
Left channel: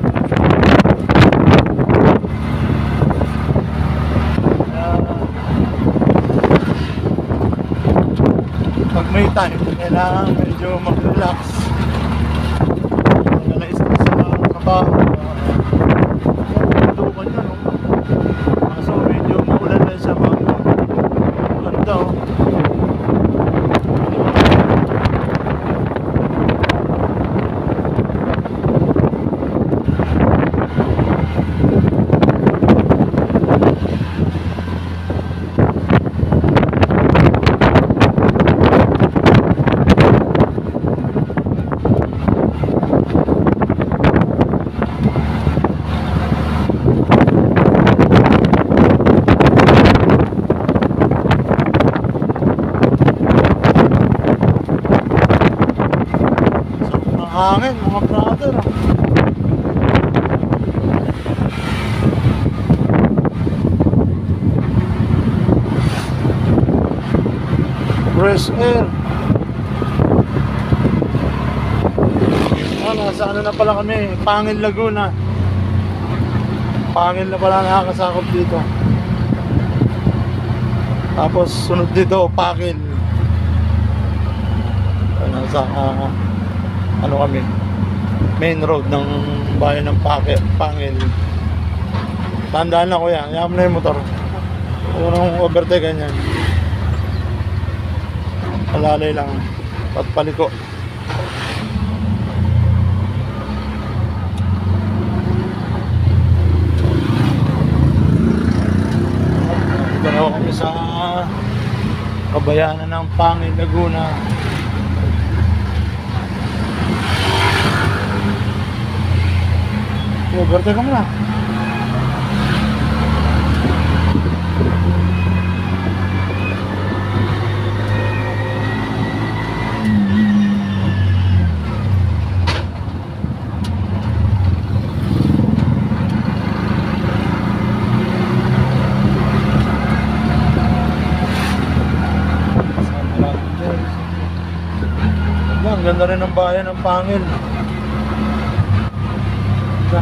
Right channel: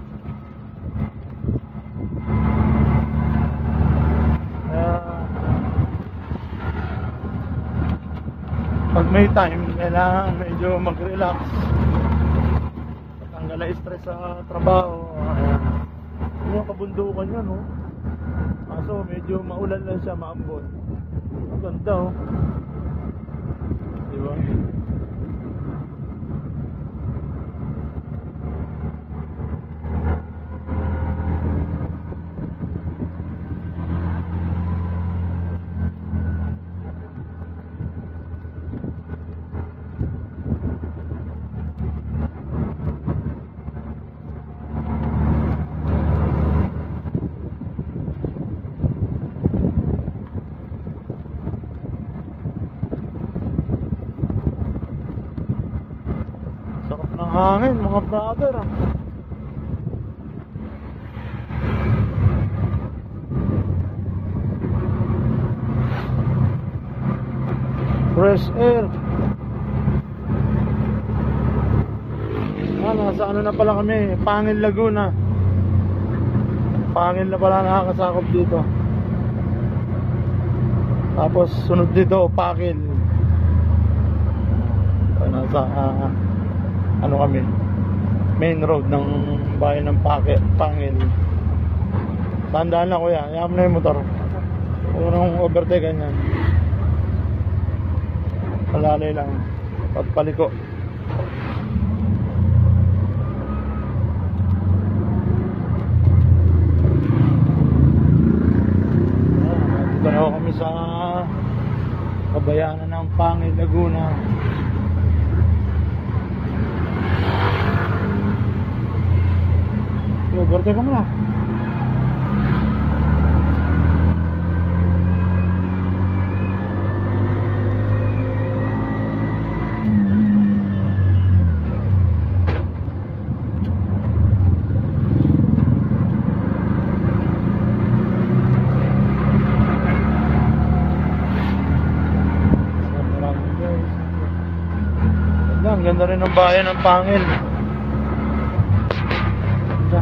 Pag may time, kailangan medyo mag-relax. Ang nala-stress sa trabaho. Ayan. Yung pindukan yun, no? Kaso medyo maulan lang siya, mga ganda, oh. hangin mga brother. Fresh air. Nasa ano na pala kami, Pangil, Laguna. Pangil na pala nakakasakop dito. Tapos sunod dito, Pakil. Nasa ano kami, main road ng bayan ng Pangil. Tandaan na kuya, yaman na yung motor. Huwag nang overtake ganyan. Palalay lang at paliko. Dito na kami sa kabayanan ng Pangil, Laguna. Overtake ka muna. Ang ganda rin ng bayan ng Pangil. Ganda.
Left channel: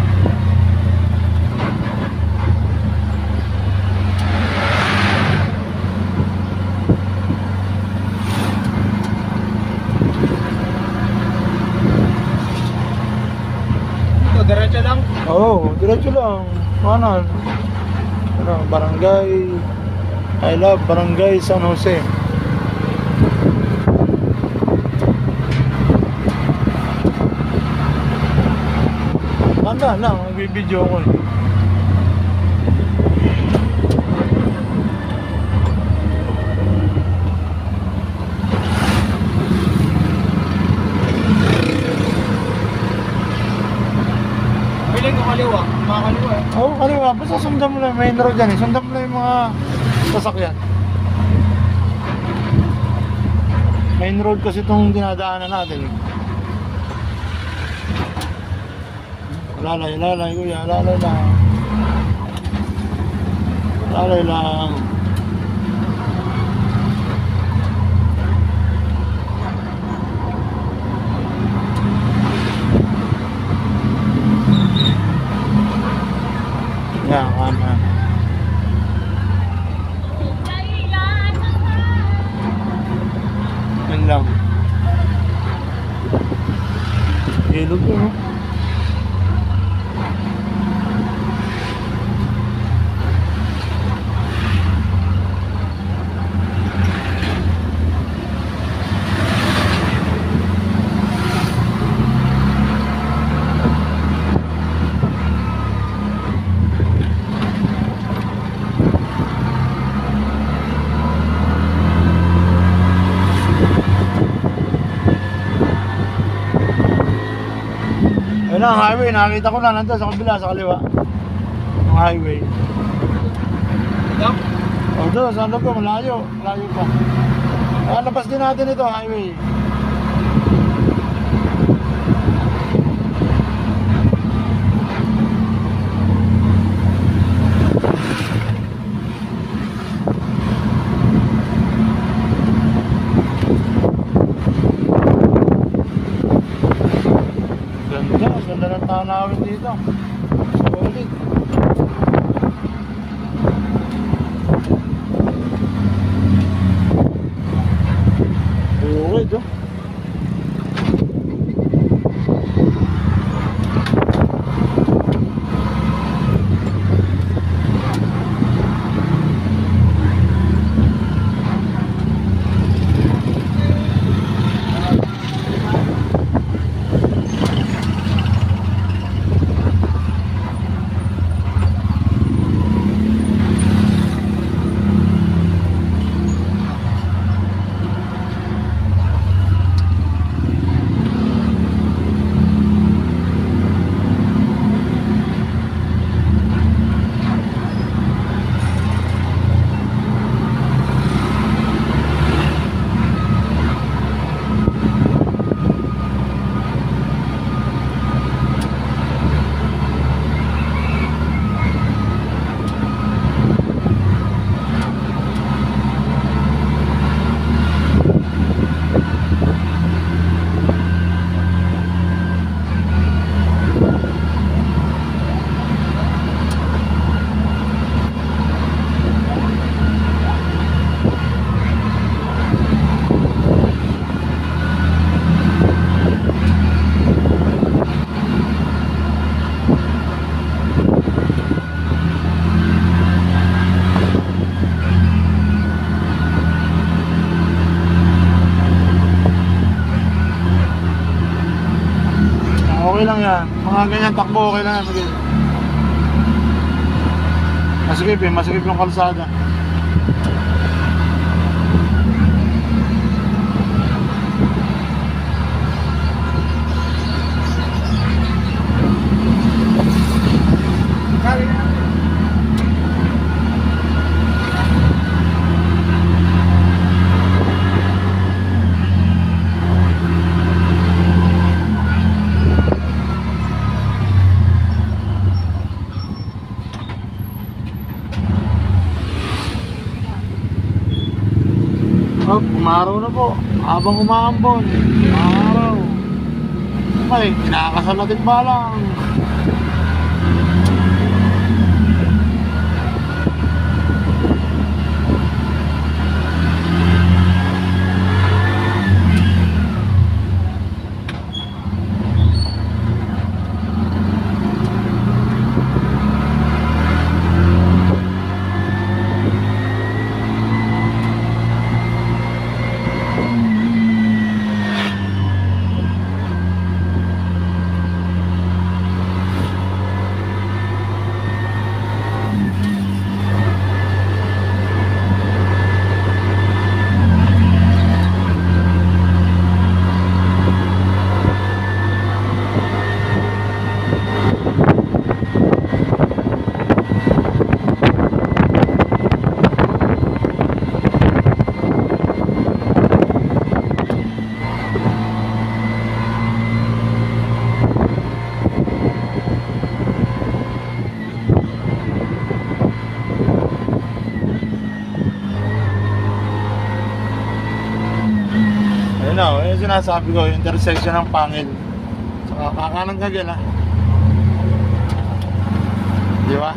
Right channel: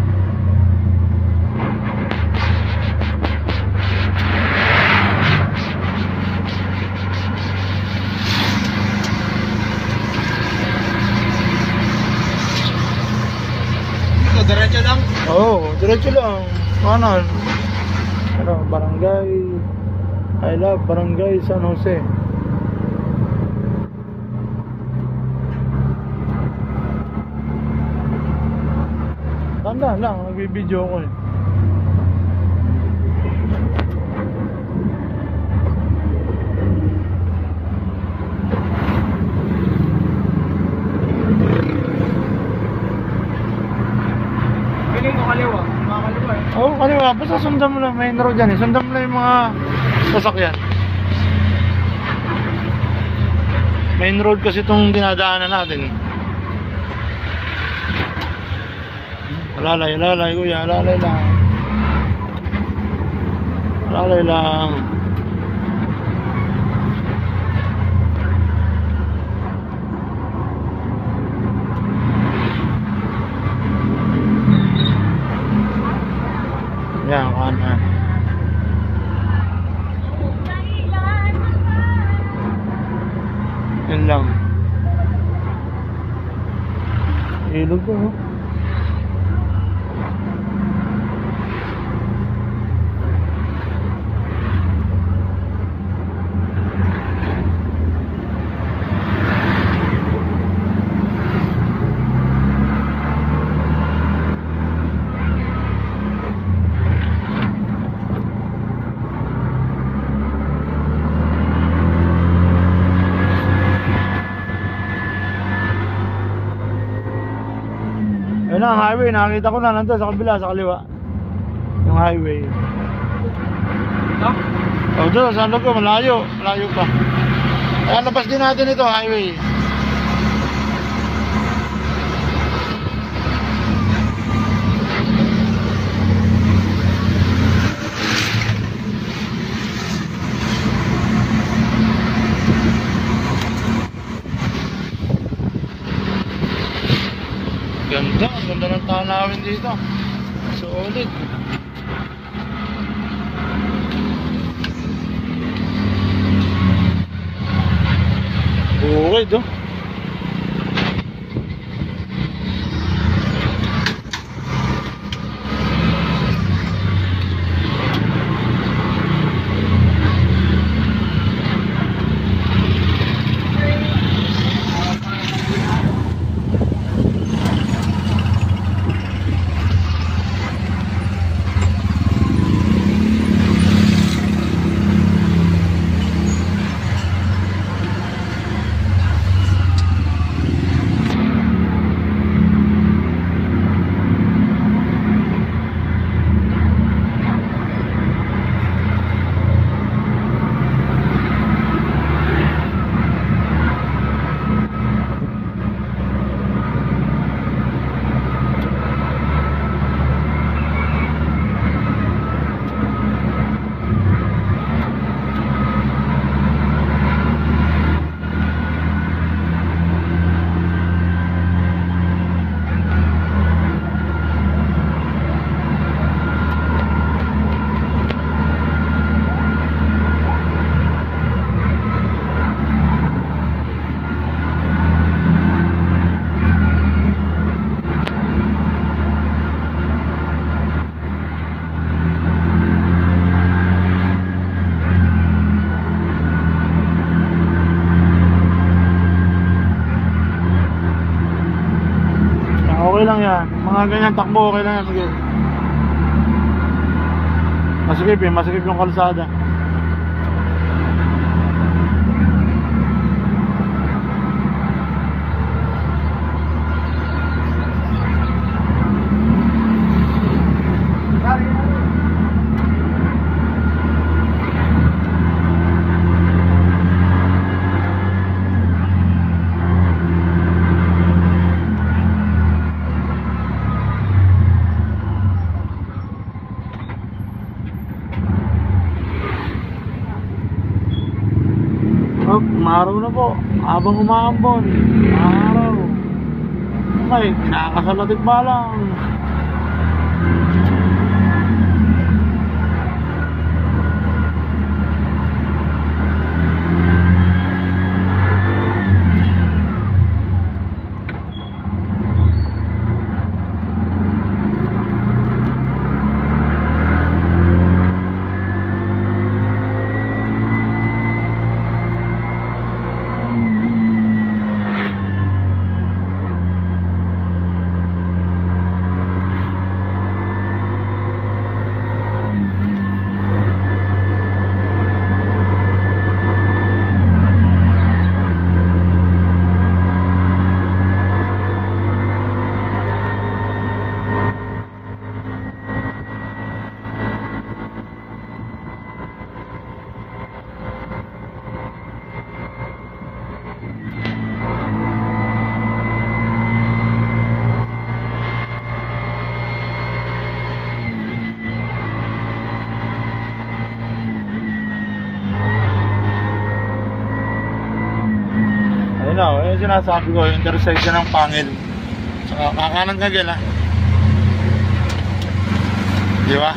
Dito, diretso lang. Oo, diretso lang. Ano, barangay, I love Barangay San Jose. Tanda lang, nagbibideo ko eh. Piling ko kaliwa, mga kaliwa eh. Oo, kaliwa. Basta sundan mo lang, main road yan eh. Sundan mo lang yung mga sasakyan. Main road kasi itong dinadaanan natin. Lalay kuya, lalay lang. Lalay lang. Yan, kanan. Yan lang. Ilog yun, no? Ayun na, ang highway. Nakakita ko na nandun sa kabila, sa kaliwa. Yung highway. Ito? O doon, saan ko? Malayo. Malayo pa. Kaya labas din natin ito, highway. Ganda ng tanawin dito. Solid. Bukid, oh. Okay lang yan. Mga ganyan takbo, okay lang yan, Miguel. Masikip yung kalsada. Oh, umaraw na po. Habang umaambon, umaraw. May kinakasal natin balang. Ayun na, yung sinasabi ko, yung intersection ng Pangil. Saka kakanan ka gila. Di ba?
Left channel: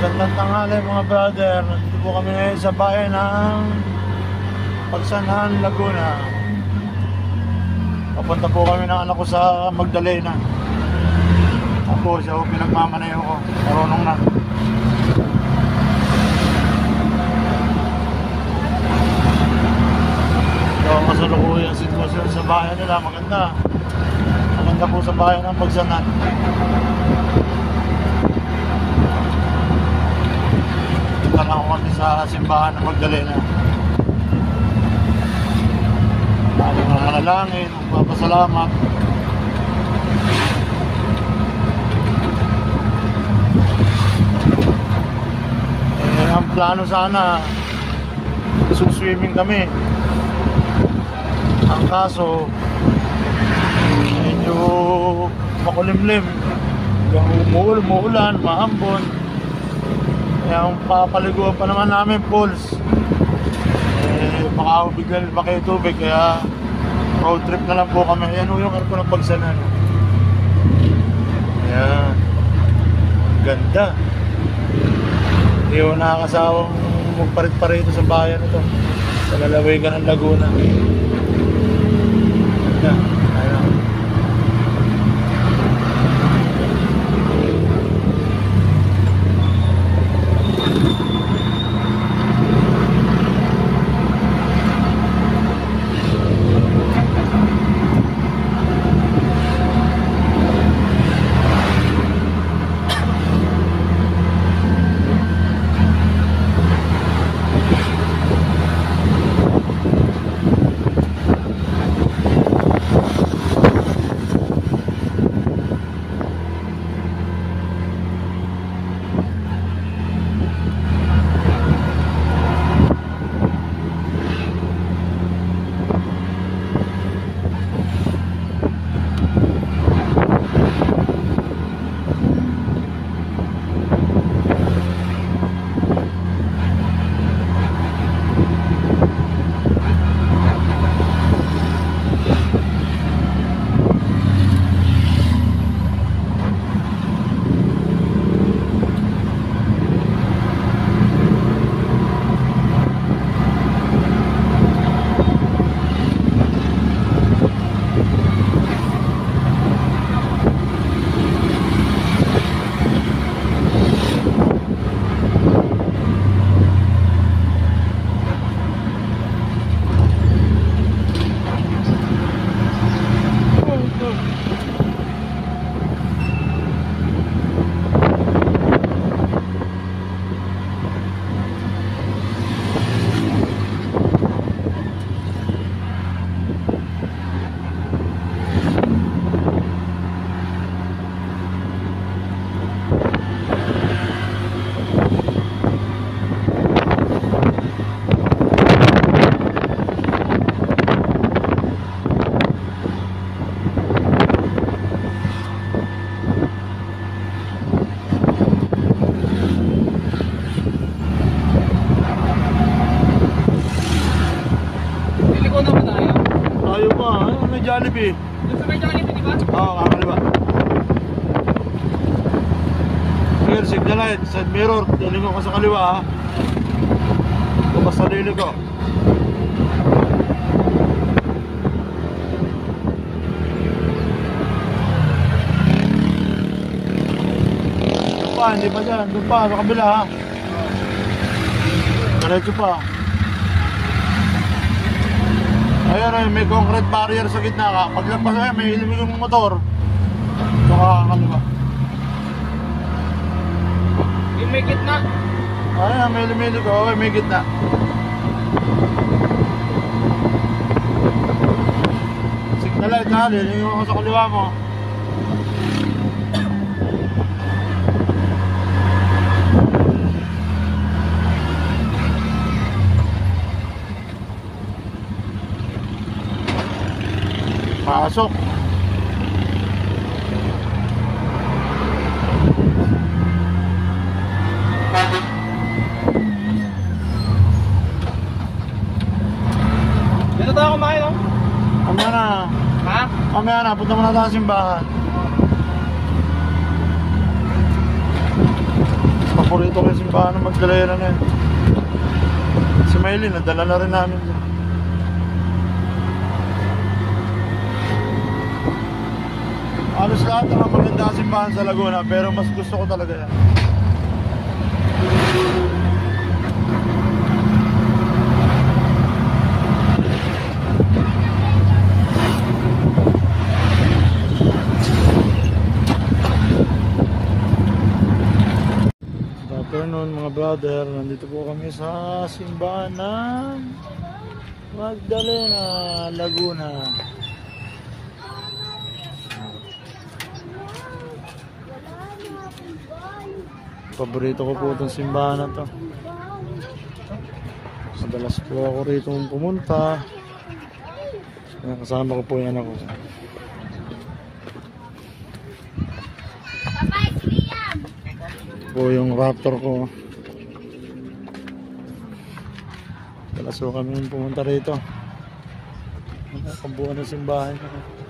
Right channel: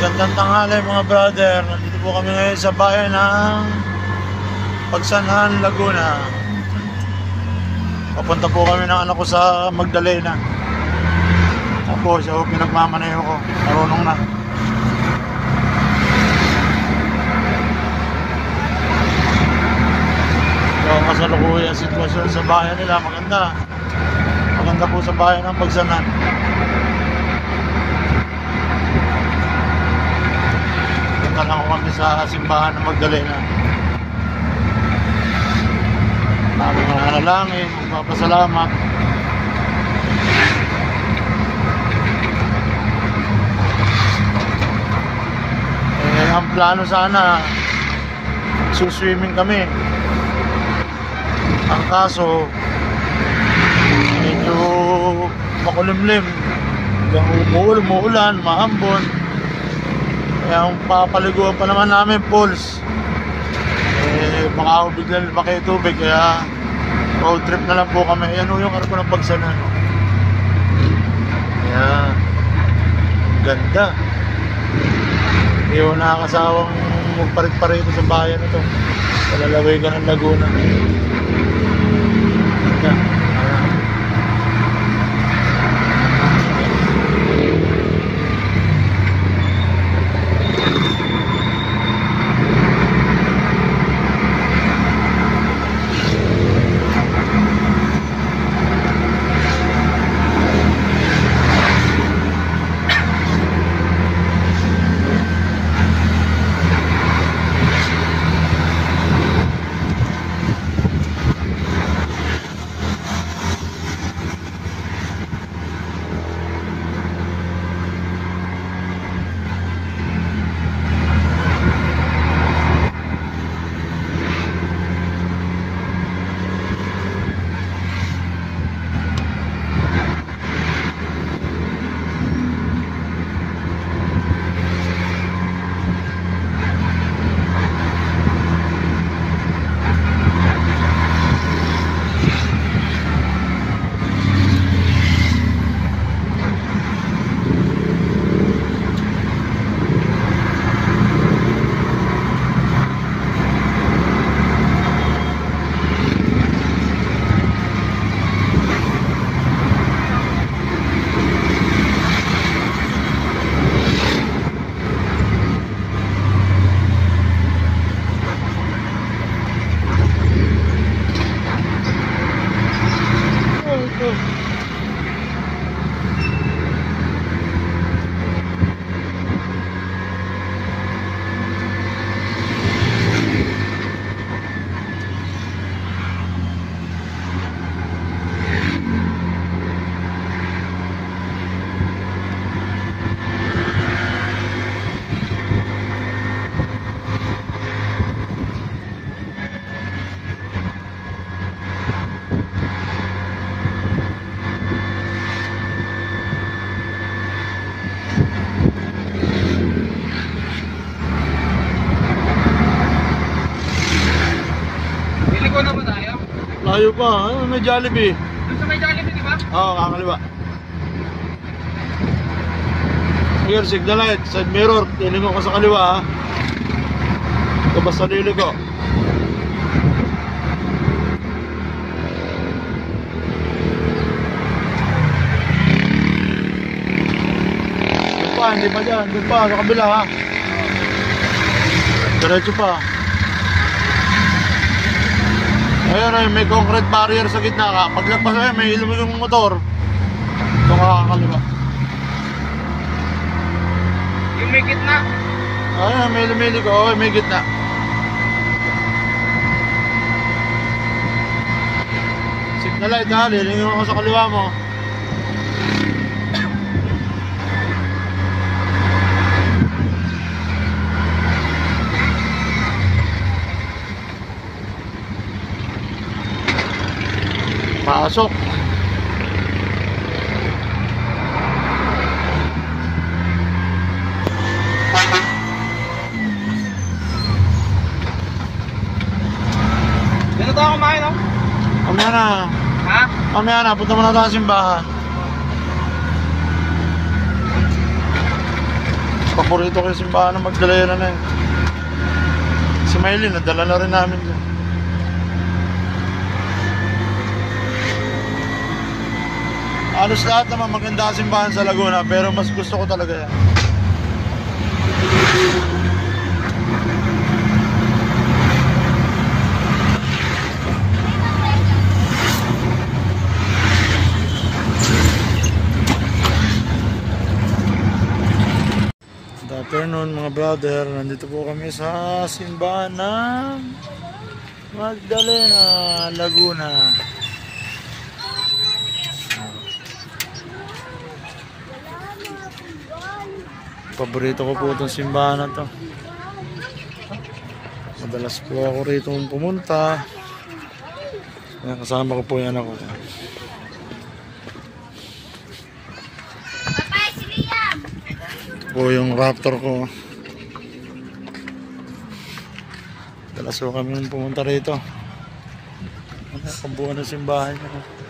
Magandang tanghali mga brother. Nandito po kami ngayon sa bayan ng Pagsanhan, Laguna. Papunta po kami ng anak ko sa Magdalena. Tapos siya pinagmamaneho ko. Marunong na. So kasalukuyan ang sitwasyon sa bayan nila. Maganda. Maganda po sa bayan ng Pagsanhan. Lang ako kami sa simbahan ng Magdalena. Bago nananalangin, magpapasalamat. Ang plano sana, isuswimming kami. Ang kaso, medyo makulimlim. Umuulan, maambon. Kaya ang papaliguan pa naman namin pools, baka ako biglang lumaki tubig. Kaya road trip na lang po kami. Ayan o yung arko ng Pagsanhan. Ayan, ganda. Hindi ko nakakasawang magparit-parito sa bayan ito, sa lalawigan ng Laguna. Ganda. Ayan. pa. Ayun, may Jollibee. Doon sa may Jollibee, di ba? Oo, kakaliwa. Here, signal light, side mirror. Tilingo ko sa kaliwa ha. Labas sa lili ko. Doon pa, hindi pa dyan. Doon pa, sa kabila ha. Diretso pa. Ayun ay may concrete barrier sa gitna ka. Paglagpas ay may ilumigong motor. Ito kakakaliwa. Yung may gitna. Ayun may lumilig. Oo, may gitna. Signal light ha. Lilingin ako sa kaliwa mo. Pasok. Dito tayo kumain, no? Mamaya na. Ha? Mamaya na. Punta muna tayo sa simbahan. Paborito ko yung simbahan ng Magdalena na eh. Si Maylin, nadala na rin namin dyan. Halos lahat naman maganda ang simbahan sa Laguna, pero mas gusto ko talaga yan. Good afternoon mga brother, nandito po kami sa simbahan ng Magdalena, Laguna. Paborito ko po itong simbahan na to. Madalas po ako rito pumunta. Ayan, kasama ko po yung anak ko. Ito po yung Raptor ko. Madalas po kami pumunta rito. Ano, kabuuan ng simbahan niya.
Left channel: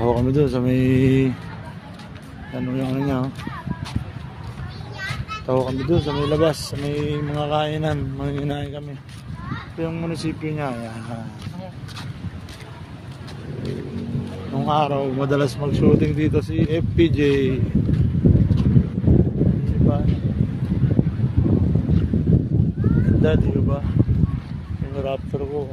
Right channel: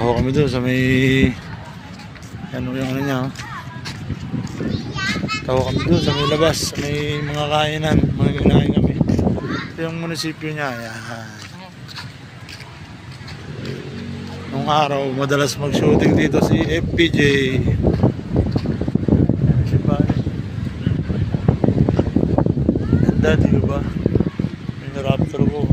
Taho kami doon sa may ano yung ano niya, oh. Taho kami doon sa may labas, sa may mga kainan, mga kinain kami. Ito yung munisipyo niya. Ayan. Nung araw madalas mag shooting dito si FPJ. Si Bani. Ganda, di ba? Yung Raptor ko.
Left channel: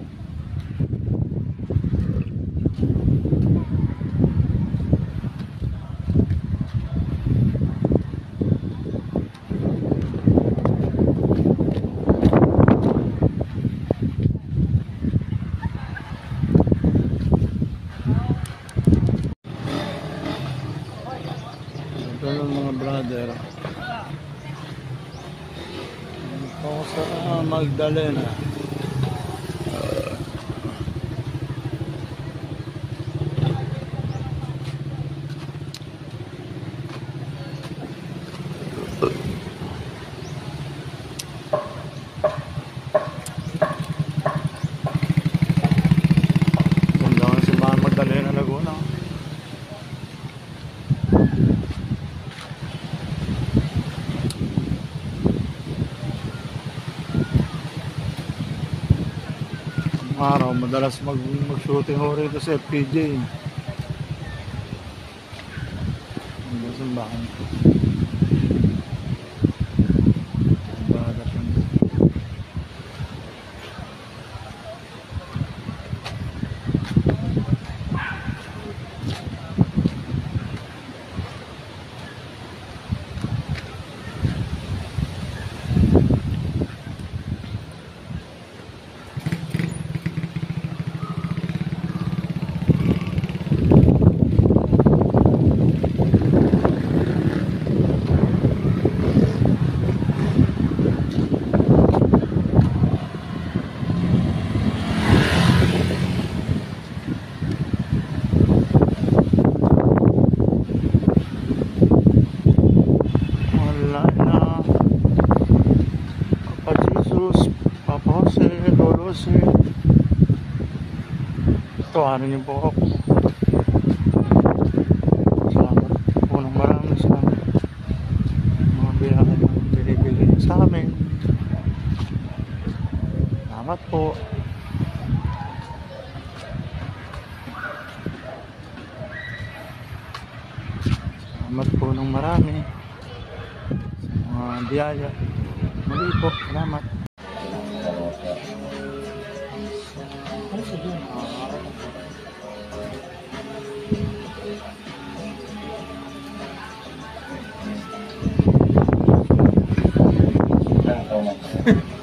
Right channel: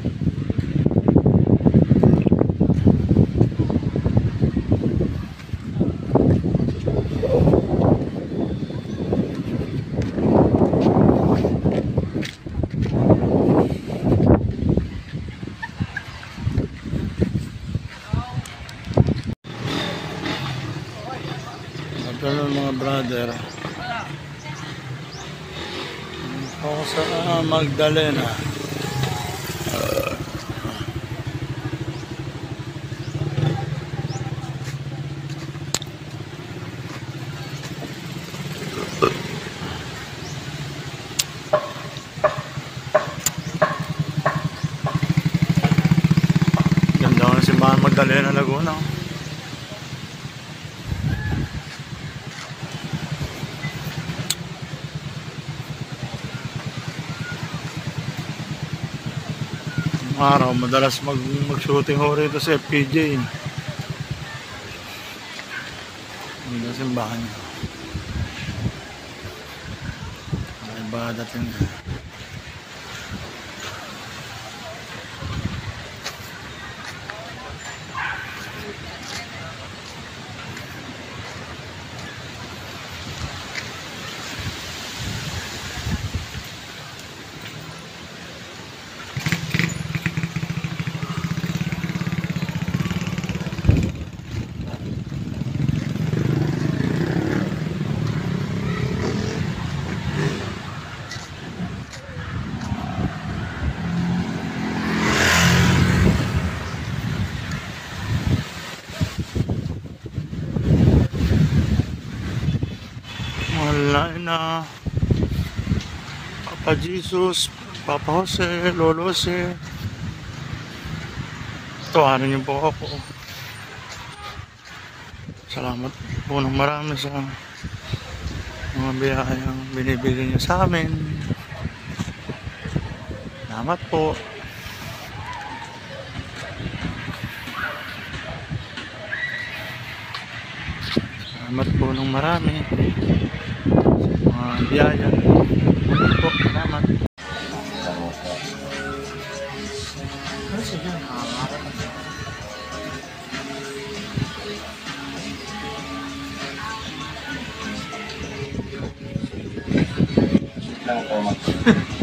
Ganun mga brother, ako sa Magdalena. Ganda ko ng simbahan Magdalena, Laguna. Araw madalas mag-shooting ho rito sa FPJ. Ang simbahan niya. Ay ba dating alalahanin na Papa Jesus, Papa Jose, Lolo Jose. Tawanan niyo po ako. Salamat po ng marami sa mga biyayang binibigay niyo sa amin. Salamat po. Salamat po ng marami sa mga biyaya. Muli po, salamat. Ano siya dyan? Nakakaharap ka. Salamat.